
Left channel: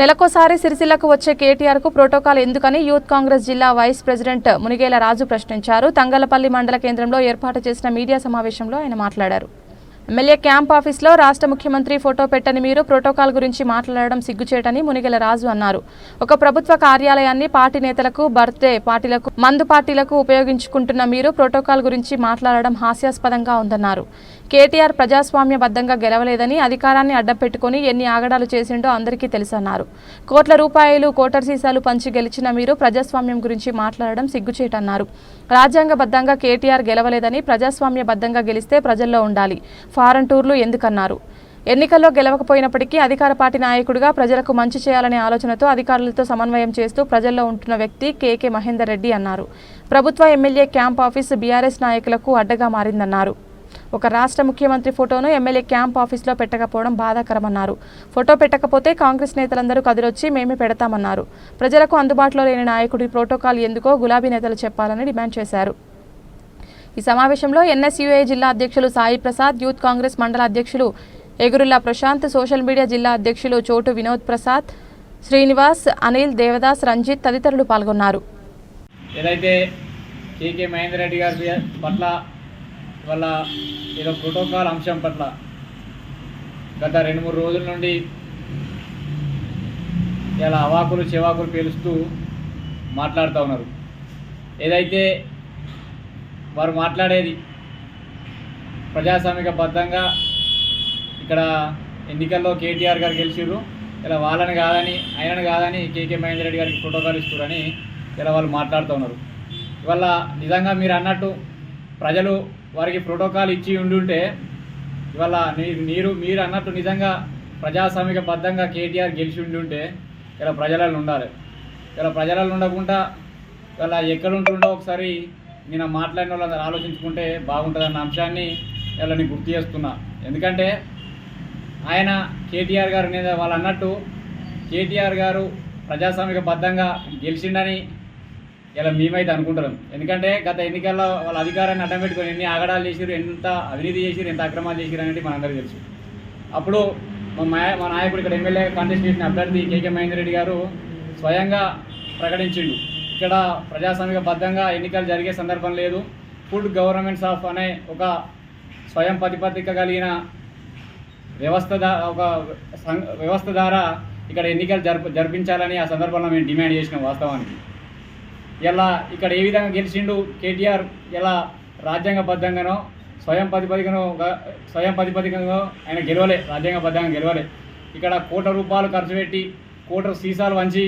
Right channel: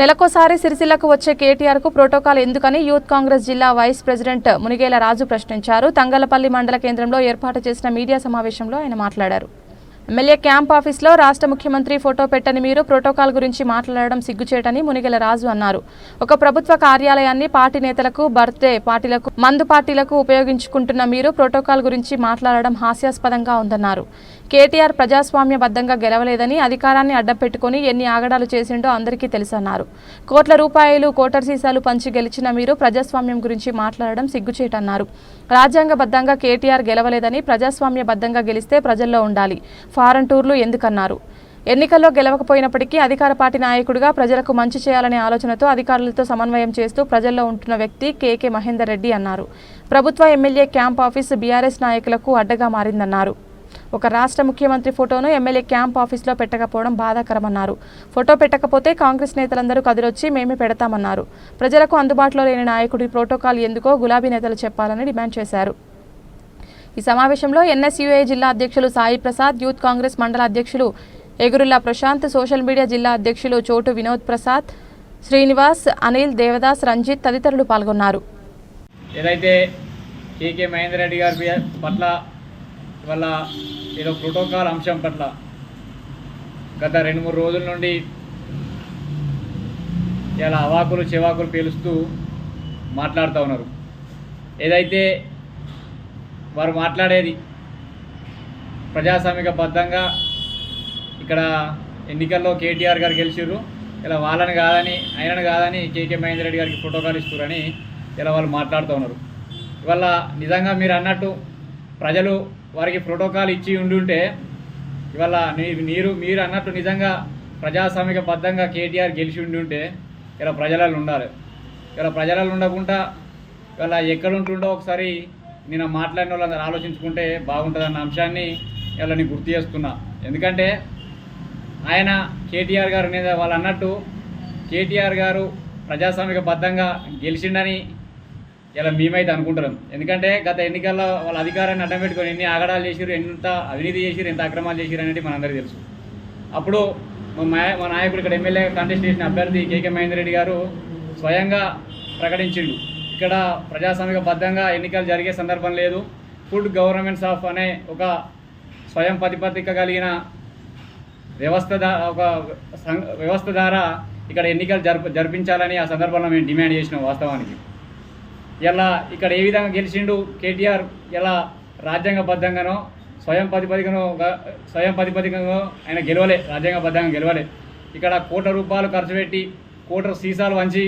నెలకోసారి సిరిసిల్లకు వచ్చే కేటీఆర్కు ప్రోటోకాల్ ఎందుకని యూత్ కాంగ్రెస్ జిల్లా వైస్ ప్రెసిడెంట్ మునిగేల రాజు ప్రశ్నించారు. తంగలపల్లి మండల కేంద్రంలో ఏర్పాటు చేసిన మీడియా సమావేశంలో ఆయన మాట్లాడారు. ఎమ్మెల్యే క్యాంప్ ఆఫీస్లో రాష్ట్ర ముఖ్యమంత్రి ఫోటో పెట్టని మీరు ప్రోటోకాల్ గురించి మాట్లాడడం సిగ్గుచేటని మునిగెల రాజు అన్నారు. ఒక ప్రభుత్వ కార్యాలయాన్ని పార్టీ నేతలకు, బర్త్డే పార్టీలకు, మందు పార్టీలకు ఉపయోగించుకుంటున్న మీరు ప్రోటోకాల్ గురించి మాట్లాడడం హాస్యాస్పదంగా ఉందన్నారు. కేటీఆర్ ప్రజాస్వామ్యబద్ధంగా గెలవలేదని, అధికారాన్ని అడ్డపెట్టుకుని ఎన్ని ఆగడాలు చేసిండో అందరికీ తెలుసన్నారు. కోట్ల రూపాయలు కోటర్ సీసాలు పంచి గెలిచిన మీరు ప్రజాస్వామ్యం గురించి మాట్లాడడం సిగ్గుచేటన్నారు. రాజ్యాంగబద్ధంగా కేటీఆర్ గెలవలేదని, ప్రజాస్వామ్యబద్ధంగా గెలిస్తే ప్రజల్లో ఉండాలి. ఫారెన్ టూర్లు ఎందుకన్నారు. ఎన్నికల్లో గెలవకపోయినప్పటికీ అధికార పార్టీ నాయకుడిగా ప్రజలకు మంచి చేయాలనే ఆలోచనతో అధికారులతో సమన్వయం చేస్తూ ప్రజల్లో ఉంటున్న వ్యక్తి కేకే మహేందర్ రెడ్డి అన్నారు. ప్రభుత్వ ఎమ్మెల్యే క్యాంప్ ఆఫీస్ బీఆర్ఎస్ నాయకులకు అడ్డగా మారిందన్నారు. ఒక రాష్ట్ర ముఖ్యమంత్రి ఫోటోను ఎమ్మెల్యే క్యాంప్ ఆఫీస్లో పెట్టకపోవడం బాధాకరమన్నారు. ఫోటో పెట్టకపోతే కాంగ్రెస్ నేతలందరూ కదిలొచ్చి మేమే పెడతామన్నారు. ప్రజలకు అందుబాటులో లేని నాయకుడి ప్రోటోకాల్ ఎందుకో గులాబీ నేతలు చెప్పాలని డిమాండ్ చేశారు. ఈ సమావేశంలో ఎన్ఎస్యుఐ జిల్లా అధ్యక్షులు సాయి ప్రసాద్, యూత్ కాంగ్రెస్ మండల అధ్యక్షులు ఎగురుల్లా ప్రశాంత్, సోషల్ మీడియా జిల్లా అధ్యక్షులు చోటు వినోద్ ప్రసాద్, శ్రీనివాస్, అనిల్, దేవదాస్, రంజిత్ తదితరులు పాల్గొన్నారు. ఏదైతే కేకే మహేందర్ రెడ్డి గారి పట్ల వల్ల ఏదో ప్రోటోకాల్ అంశం పట్ల గత 2-3 రోజుల నుండి ఇలా అవాకులు చెవాకులు పేలుస్తూ మాట్లాడుతూ ఉన్నారు. ఏదైతే వారు మాట్లాడేది ప్రజాస్వామికబద్ధంగా ఇక్కడ ఎన్నికల్లో కేటీఆర్ గారు గెలిచిర్రు, ఇలా వాళ్ళని కాదని ఆయనను కాదని కేకే మహేందర్ రెడ్డి గారికి ప్రోటోకాల్ ఇస్తున్నారని ఇలా వాళ్ళు మాట్లాడుతూ ఉన్నారు. ఇవాళ నిజంగా మీరు అన్నట్టు ప్రజలు వారికి ప్రోటోకాల్ ఇచ్చి ఉండుంటే ఇవాళ మీరు అన్నట్టు నిజంగా ప్రజాస్వామికబద్ధంగా కేటీఆర్ గెలిచి ఉండుంటే ఇలా ప్రజలలో ఉండాలి. ఇలా ప్రజలలో ఉండకుండా ఇవాళ ఎక్కడ ఉంటుండో ఒకసారి నేను మాట్లాడిన వాళ్ళందరూ ఆలోచించుకుంటే బాగుంటుందన్న అంశాన్ని ఇవాళ నేను గుర్తు చేస్తున్నా. ఎందుకంటే ఆయన కేటీఆర్ గారి మీద వాళ్ళు అన్నట్టు కేటీఆర్ గారు ప్రజాస్వామికబద్ధంగా గెలిచిండని ఇలా మేమైతే అనుకుంటున్నాం. ఎందుకంటే గత ఎన్నికల్లో వాళ్ళ అధికారాన్ని అడ్డం పెట్టుకొని ఎన్ని ఆగడాలు చేసిరు, ఎంత అవినీతి చేసిరు, ఎంత అక్రమాలు చేసిరు అనేది మనందరికీ తెలుసు. అప్పుడు మా నాయకుడు ఇక్కడ ఎమ్మెల్యే కాంటెస్ట్ చేసిన అభ్యర్థి కేకే మహేందర్ రెడ్డి గారు స్వయంగా ప్రకటించిండు, ఇక్కడ ప్రజాస్వామికబద్ధంగా ఎన్నికలు జరిగే సందర్భం లేదు, ఫుడ్ గవర్నమెంట్స్ ఆఫ్ అనే ఒక స్వయం ప్రతిపత్తిక కలిగిన వ్యవస్థ ద్వారా ఇక్కడ ఎన్నికలు జరిపించాలని ఆ సందర్భంలో మేము డిమాండ్ చేసినాం. వాస్తవానికి ఇలా ఇక్కడ ఏ విధంగా గెలిచిండు కేటీఆర్, ఇలా రాజ్యాంగబద్ధంగానో స్వయం ప్రతిపదికనో ఆయన గెలవలే, రాజ్యాంగబద్ధంగా గెలవలే. ఇక్కడ కోట్ల రూపాయలు ఖర్చు పెట్టి కోట్ల సీసాలు వంచి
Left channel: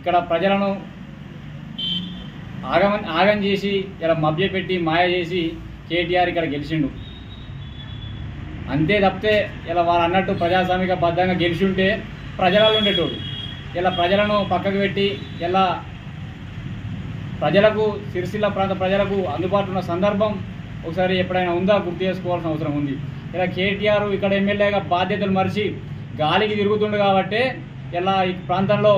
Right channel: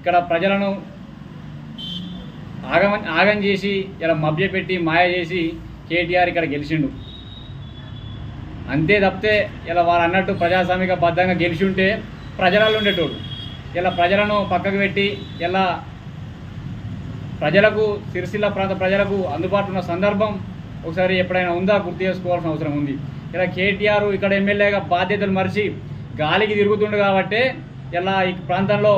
ఇక్కడ ప్రజలను ఆగం చేసి ఇలా మభ్యపెట్టి మాయ చేసి కేటీఆర్ ఇక్కడ గెలిచిండు. అంతే తప్పితే ఇలా వాళ్ళు అన్నట్టు ప్రజాస్వామికబద్ధంగా గెలిచి ఉంటే ప్రజలలో ఉండేటోడు. ఇలా ప్రజలను పక్కకు పెట్టి ఇలా ప్రజలకు సిరిసిల్ల ప్రాంత ప్రజలకు అందుబాటులో ఉన్న సందర్భం ఒకసారి ఎప్పుడైనా ఉందా గుర్తు చేసుకోవాల్సిన అవసరం ఉంది. ఇలా కేటీఆర్ ఇక్కడ ఎమ్మెల్యేగా బాధ్యతలు మరిచి గాలికి తిరుగుతుండు కాబట్టి ఇలా ఈ ప్రాంతంలో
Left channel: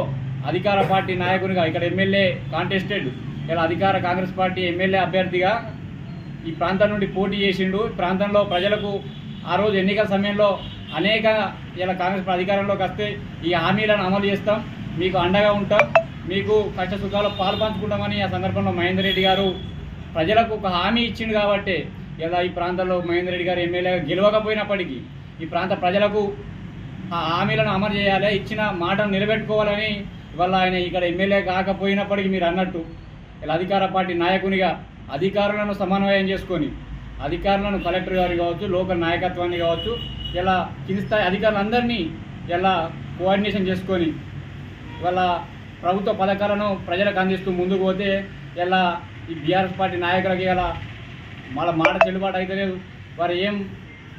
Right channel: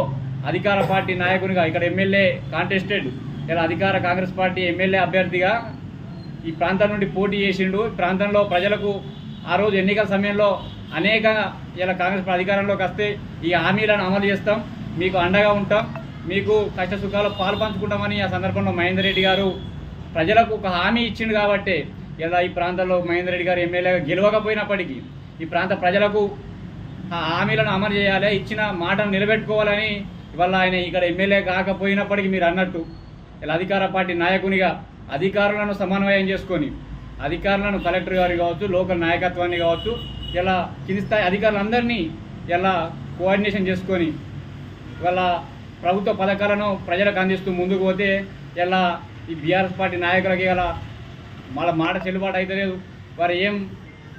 అధికార పార్టీ నాయకునిగా ఇక్కడ ఎమ్మెల్యే కాంటెస్టెడ్ ఇలా అధికార కాంగ్రెస్ పార్టీ ఎమ్మెల్యే అభ్యర్థిగా ఈ ప్రాంతం నుండి పోటీ చేసిండు. ఈ ప్రాంతంలో ప్రజలకు ఆ రోజు ఎన్నికల సమయంలో అనేక ఇలా కాంగ్రెస్ అధికారంలోకి వస్తే ఈ హామీలను అమలు చేస్తాం, మీకు అండగా ఉంటాం, మీకు కష్ట సుఖాలు పాలు పంచుకుంటామని ఆ సందర్భంలో మహేందర్ రెడ్డి గారు ప్రజలకు ఒక హామీ ఇచ్చిండు. కాబట్టి ఇలా ఈ ప్రాంతంలో మహేందర్ రెడ్డి గారు ఎమ్మెల్యేగా గెలవకపోయినప్పటికీ ఈ ప్రాంత ప్రజలకు ఆ హామీలను అమలు చేయాలి, ఇచ్చిన మాటను నిలబెట్టుకోవాలని ఇవాళ ఆయన ఇక్కడ ఎమ్మెల్యే కాకపోయినప్పటికీ మీరు అన్నట్టు ఇలా అధికార పార్టీ నాయకునిగా అధికారులను సమన్వయం చేసుకొని అధికారులను కలెక్టర్ గారు కావచ్చు, లోకల్ నాయకత్వాన్ని కావచ్చు, ఇలా కింది స్థాయి అధికారులందరినీ ఇలా కోఆర్డినేషన్ చేసుకొని ఇవాళ ప్రభుత్వ పథకాలను ప్రజలకు అందిస్తూ ముందుకు పోతే ఇలా ఈ బీఆర్ఎస్ పార్టీ నాయకులకి ఇలా వాళ్ళ మాట చెల్లుబాటు అయితే లేదు. వారు ఏం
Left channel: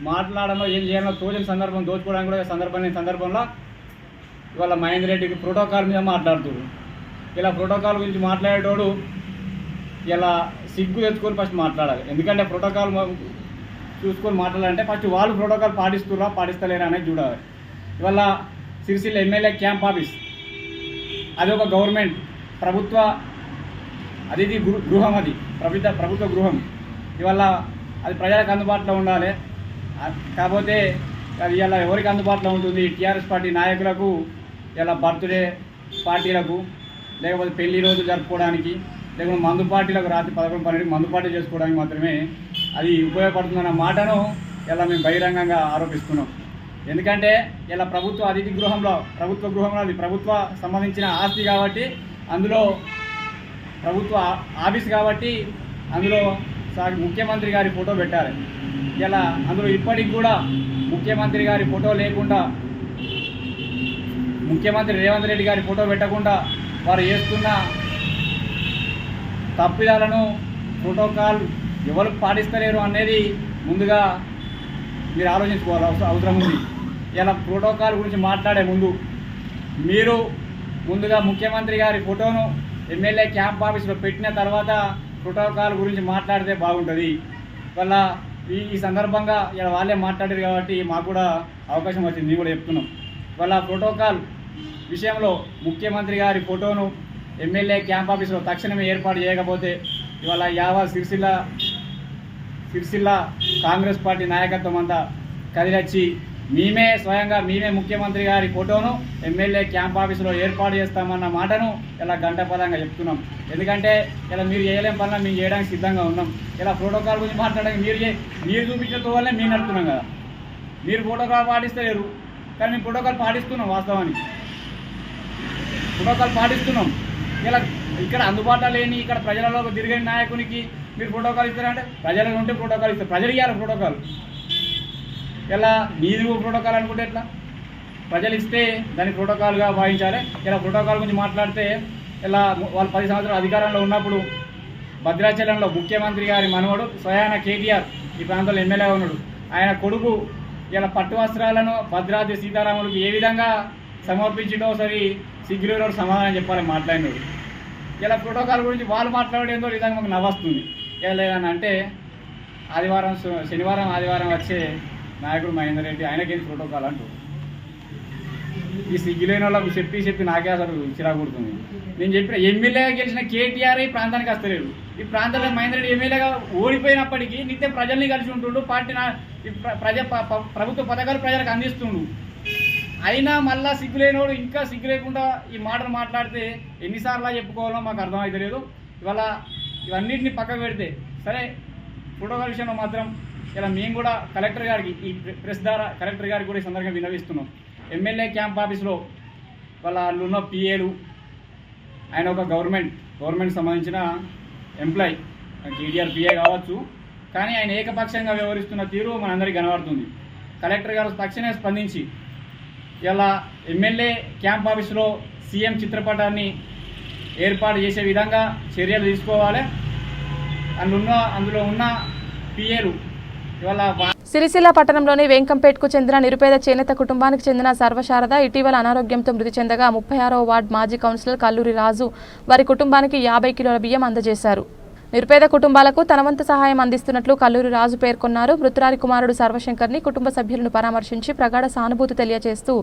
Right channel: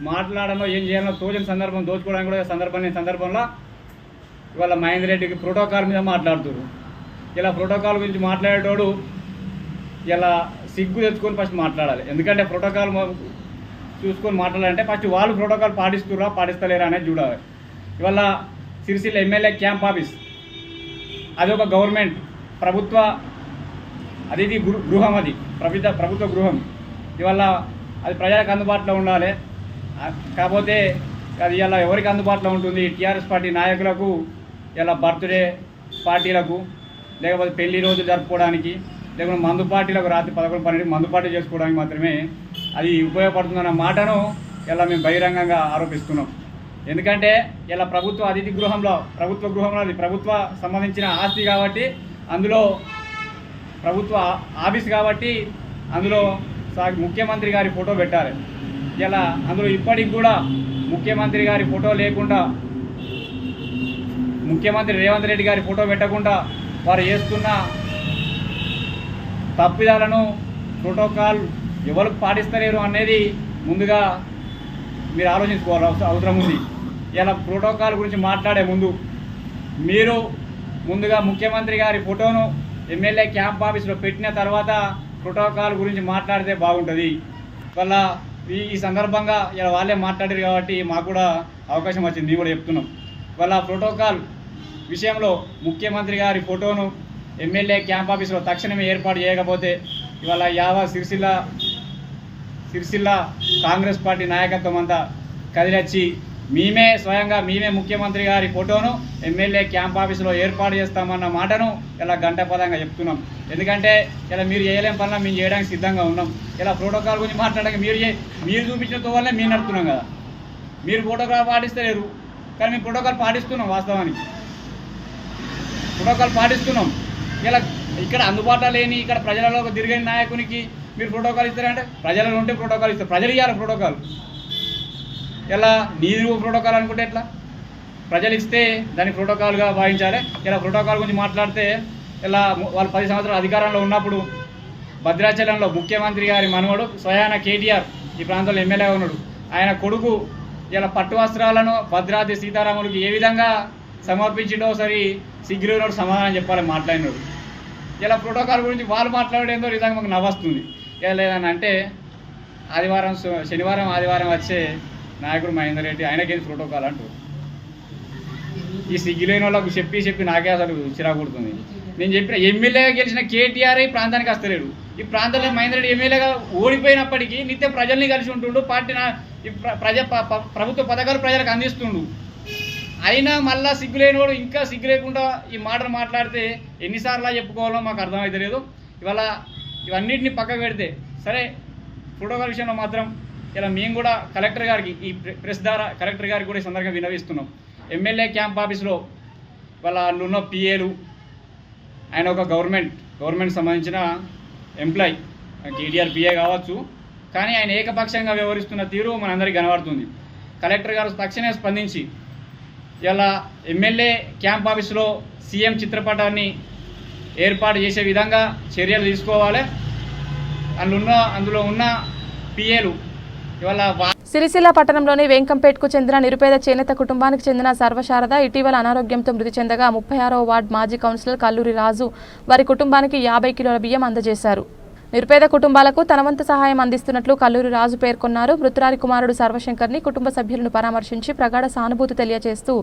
మాట్లాడమో ఏం చేయాలో తోచిన సందర్భం దోచుకోవడానికి కూడా సందర్భంలో ఇవాళ మహేందర్ రెడ్డికి ప్రోటోకాల్ మీద మాట్లాడుతున్నారు. ఇలా ప్రోటోకాల్ గురించి మాట్లాడేటోడు ఇలా సిగ్గు తెచ్చుకొని ఫస్ట్ మాట్లాడాలి. ఎందుకంటే ప్రోటోకాల్ చూసుకొని మాట్లాడాలంటే ఫస్ట్ వాళ్ళు ప్రోటోకాల్ పాటిస్తుర్రా పాటిస్తలేరా అనేది చూడాలి. ఇవాళ సిరిసిల్ల ఎమ్మెల్యే క్యాంప్ ఆఫీస్ అది ఒక గవర్నమెంట్ ప్రభుత్వ అతిథి గృహం, అది ప్రభుత్వ గృహం. ఇవాళ అది ప్రజలకు అందుబాటులో ఉండాలి. కాకపోతే అది ఇలా ఎవరికి అందుబాటులో ఉంటుంది? టీఆర్ఎస్ పార్టీ నాయకులకు, ఇలా బర్త్డే పార్టీలకు, లేకపోతే పెళ్లి రోజు జరుపుకోవడానికి, లేకపోతే మందు పార్టీలకు రాత్రి 11-12 మందు పార్టీ చేసుకోవడానికి మాత్రమే అది ఉపయోగపడుతుందన్న మాటను ఇలా మేము బహిరంగంగా ఆరోపిస్తున్నాం. ఎందుకంటే ఇలా ప్రభుత్వ అతిథి గృహంలో అది ప్రభుత్వ సంబంధించిన ఆస్తి కాబట్టి, అందులో ప్రభుత్వ ఆఫీస్ కాబట్టి అందులో ముఖ్యమంత్రి గారి ఫోటో పెట్టాలి. ఇలా అందులో ఇప్పటికి కూడా ముఖ్యమంత్రి గారి ఫోటో లేకుండా, ముఖ్యమంత్రి రేవంత్ రెడ్డి గారి ఫోటో పెట్టకుండా వారు చేస్తున్న తప్పిదాలను ప్రోటోకాల్ ఎవరు పాటిస్తలేరు అనేది ముందుగా మీరు ఆలోచించుకోవాలి అవసరం ఉంది. ఇలా ప్రోటోకాల్ గురించి మాట్లాడే ముందు మీరు ముందుగా ముఖ్యమంత్రి గారి ఫోటోను ఎమ్మెల్యే క్యాంప్ ఆఫీస్లో పెట్టిన తర్వాత ప్రోటోకాల్ గురించి మాట్లాడితే బాగుంటుంది. వల్ల ఈ సందర్భంగా ఇలా వాళ్ళే మాట్లాడారు కాబట్టి మాకు కూడా అవకాశం వచ్చింది, మేము కూడా చెప్తున్నాం. వాళ్ళ ప్రోటోకాల్ విషయంలో ముఖ్యమంత్రి గారి ఫోటోను ఎమ్మెల్యే క్యాంప్ ఆఫీస్లో తక్షణమే ఏర్పాటు చేయకపోతే ఇవాళ యావత్ సిరిసిల్ల కాంగ్రెస్ పార్టీ నాయకత్వం అంతా కదిలొచ్చి స్వయంగా మేమే ముఖ్యమంత్రి గారి ఫోటోను ఎమ్మెల్యే క్యాంప్ ఆఫీసులో ఏర్పాటు చేస్తామన్న మాటను ఇలా గంటపదంగా చెప్తున్నాం. ఎందుకంటే ఇలా మీరు చేయలేం పనుల మేము చేయడానికి సిద్ధంగా ఉన్నాం. ఇలా ప్రోటోకాల్ గురించి మాట్లాడడానికి మీరు చూపించిన వల్లే మేము నడుపుతున్నాం కదా. మీరు ప్రోటోకాల్ పాటిస్తలేరు కానీ మేము ప్రోటోకాల్ పాటిస్తున్నాం. వాస్తవానికి ప్రోటోకాల్ పాటిస్తున్నాం. ఇలా ఇక్కడ అందుబాటులో లేని ఇక్కడ ప్రజలలో తిరిగే నాయకునికి మీరు ప్రోటోకాల్ ఇస్తారంటే ప్రజలలో ఉంటే ప్రోటోకాల్ ఇస్తారు, ప్రజలు ఇవ్వాలి ప్రోటోకాల్. ఇలా నీరు ప్రోటోకాల్ అనుకుంటే ఎట్లా? ప్రజలు ఇస్తే దాన్ని ప్రోటోకాల్గా భావించాలి. ఇలా ప్రోటోకాల్ గురించి మాట్లాడితే ఇలా వాళ్ళు 10 సంవత్సరాలు అధికారంలో ఉన్నప్పుడు భద్రాచలంలో ముఖ్యమంత్రి గారి మనవడు స్వయాన కేటీఆర్ ఈ ప్రాంతంలో ఎమ్మెల్యేగా ఉన్నాడు. ఆయన కొడుకు ఇలా పట్టు వస్త్రాలను భద్రాద్రి సీతారాములకు ఏ విధంగా సమర్పించిండో సరి సిగ్గులోనోడు సమాధానం చెప్పాలి మాట్లాడినాడు. ఇలా ప్రోటోకాల్ గురించి వాళ్ళు మాట్లాడేందో నిజంగా మాకు నవ్వొస్తుంది. ఇలా లేదని అంటే శనివారం ఆదివారం వచ్చే నాయకుడు మహేందర్ రెడ్డి ఆయనకేం ప్రోటోకాల్ అంటూ ఈ సిగ్గులేని వాళ్ళకు చెప్పి నాకే అసలు చిరాకుడుతుంది. నేను చెప్పిన ఎమ్మెల్యేగా గెలిచిన కేటీఆర్ ఈ ప్రాంతానికి వస్తలేడు. ఈ ప్రాంతంలో మహేందర్ రెడ్డి ఎమ్మెల్యేగా ఓడిపోయినప్పటికీ నిత్యం ప్రజల్ని కలిసి ఉంటుండు, ప్రభుత్వ పథకాలు ప్రజలకు అందిస్తుండు. అయినా మళ్ళా సిగ్గులేనివాడు ఇంకా సిగ్గు లేకుండా ఈ మాటలు మాట్లాడితే ఎన్నిసార్లు చెప్పుకోవాలో మాకు అర్థమవుతలేదు. ఇవాళ ఇవన్నిటిని పక్కకు పెడితే సరే, ప్రోటోకాల్ విషయంలో మాత్రం ఇలా మేము కూడా కలెక్టర్ గారికి ఈ ప్రెస్ ద్వారా కలెక్టర్ గారికి కూడా ఈ సందర్భంగా విన్నవిస్తున్నాం. ఎమ్మెల్యే క్యాంప్ ఆఫీస్లో వాళ్ళు ఉన్న పిఏలు, ఆయన ఒక గవర్నమెంట్ సంబంధించిన ఎంప్లాయీ, కేటీఆర్ పిఏ కావచ్చు, కానీ ఆయన ఏకపక్షంగా వ్యవహరిస్తున్న తీరు మనందరికీ కనబడుతుంది. కలెక్టర్ గారు తక్షణమే స్పందించి ఇలా ఎమ్మెల్యే క్యాంప్ ఆఫీస్లో సీఎం చిత్రపటాన్ని ఏర్పాటు చేసే విధంగా చర్యలు తీసుకోవాలి. అందులో ఉన్న పిఏలు ఇవాళ సిరిసిల్ల పట్టణంలోని వెంకంపేట్కు చెందిన నిరుపేద చేనేత కుటుంబానికి చెందిన సర్వశారద ఇటీవల అనారోగ్యంతో మృతి చెందగా 36వ వార్డు మాజీ కౌన్సిలర్ కల్లూరి రాజు వారి కుటుంబానికి 50 కిలోల బియ్యం అందజేశారు. నిరుపేద కుటుంబాలకు తన వంతు సహాయం అందిస్తున్నట్లు కల్లూరి రాజు పేర్కొన్నారు. మృతురాలి కుమారుడు సర్వశంకర్ని కుటుంబ సభ్యులను పరామర్శించి ప్రగాఢ సానుభూతి తెలియజేస్తూ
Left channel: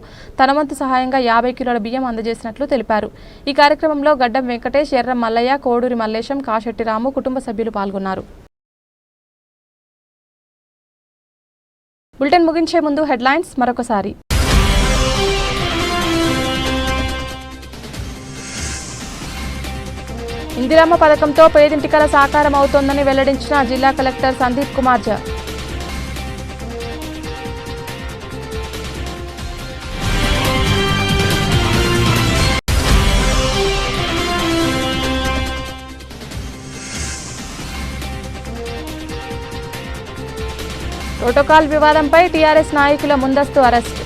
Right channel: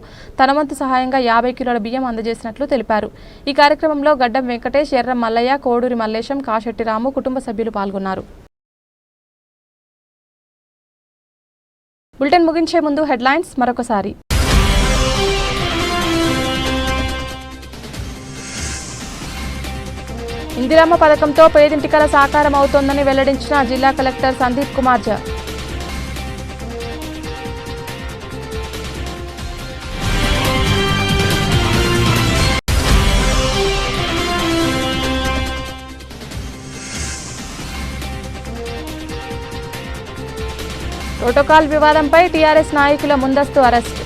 తన వంతు సహాయంగా 50 కిలోల బియ్యం అందజేసినట్లు తెలిపారు. ఈ కార్యక్రమంలో గడ్డం వెంకటేష్, ఎర్రం మల్లయ్య, కోడూరి మల్లేశం, కాశెట్టి రాము కుటుంబ సభ్యులు పాల్గొన్నారు. బులెటిన్ ముగించే ముందు హెడ్లైన్స్ మరొకసారి. ఇందిరమ్మ పథకంతో పేదింటికల సాకారం అవుతోందని వెల్లడించిన జిల్లా కలెక్టర్ సందీప్ కుమార్ ఝా. ప్రోటోకాల్ వివాదంపై టీఆర్ఎస్ నాయకుల ముందస్తు అరెస్ట్.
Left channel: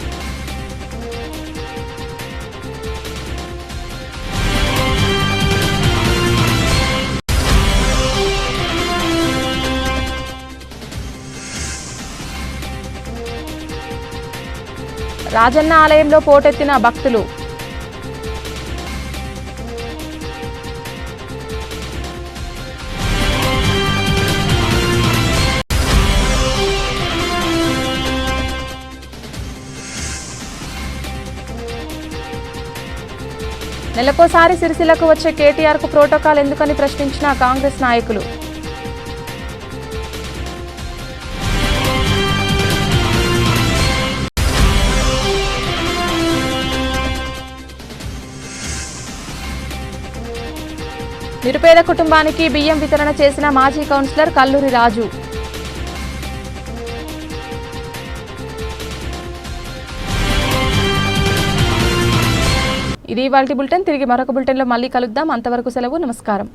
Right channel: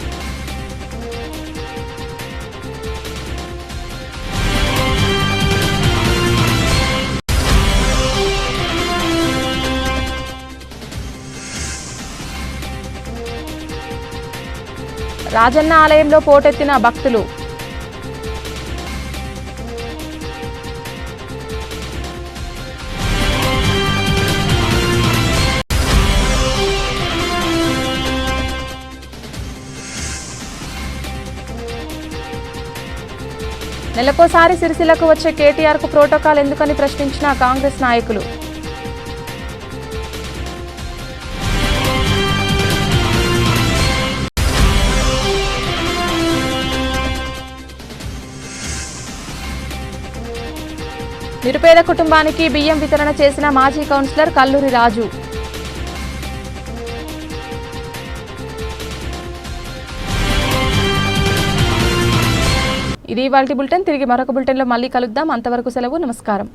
రాజన్న ఆలయంలో పోటెత్తిన భక్తులు. నెలకోసారి సిరిసిల్లకు వచ్చే కేటీఆర్కు ప్రోటోకాల్ ఎందుకని ప్రశ్నించిన కాంగ్రెస్ నాయకులు. నిరుపేద కుటుంబానికి బియ్యం వితరణ చేసిన మాజీ కౌన్సిలర్ కల్లూరి రాజు. ఇది ఇవాల్టి బులెటిన్. తిరిగి మరొక బులెటిన్లో మళ్ళీ కలుద్దాం. అంతవరకు సెలవు. నమస్కారం.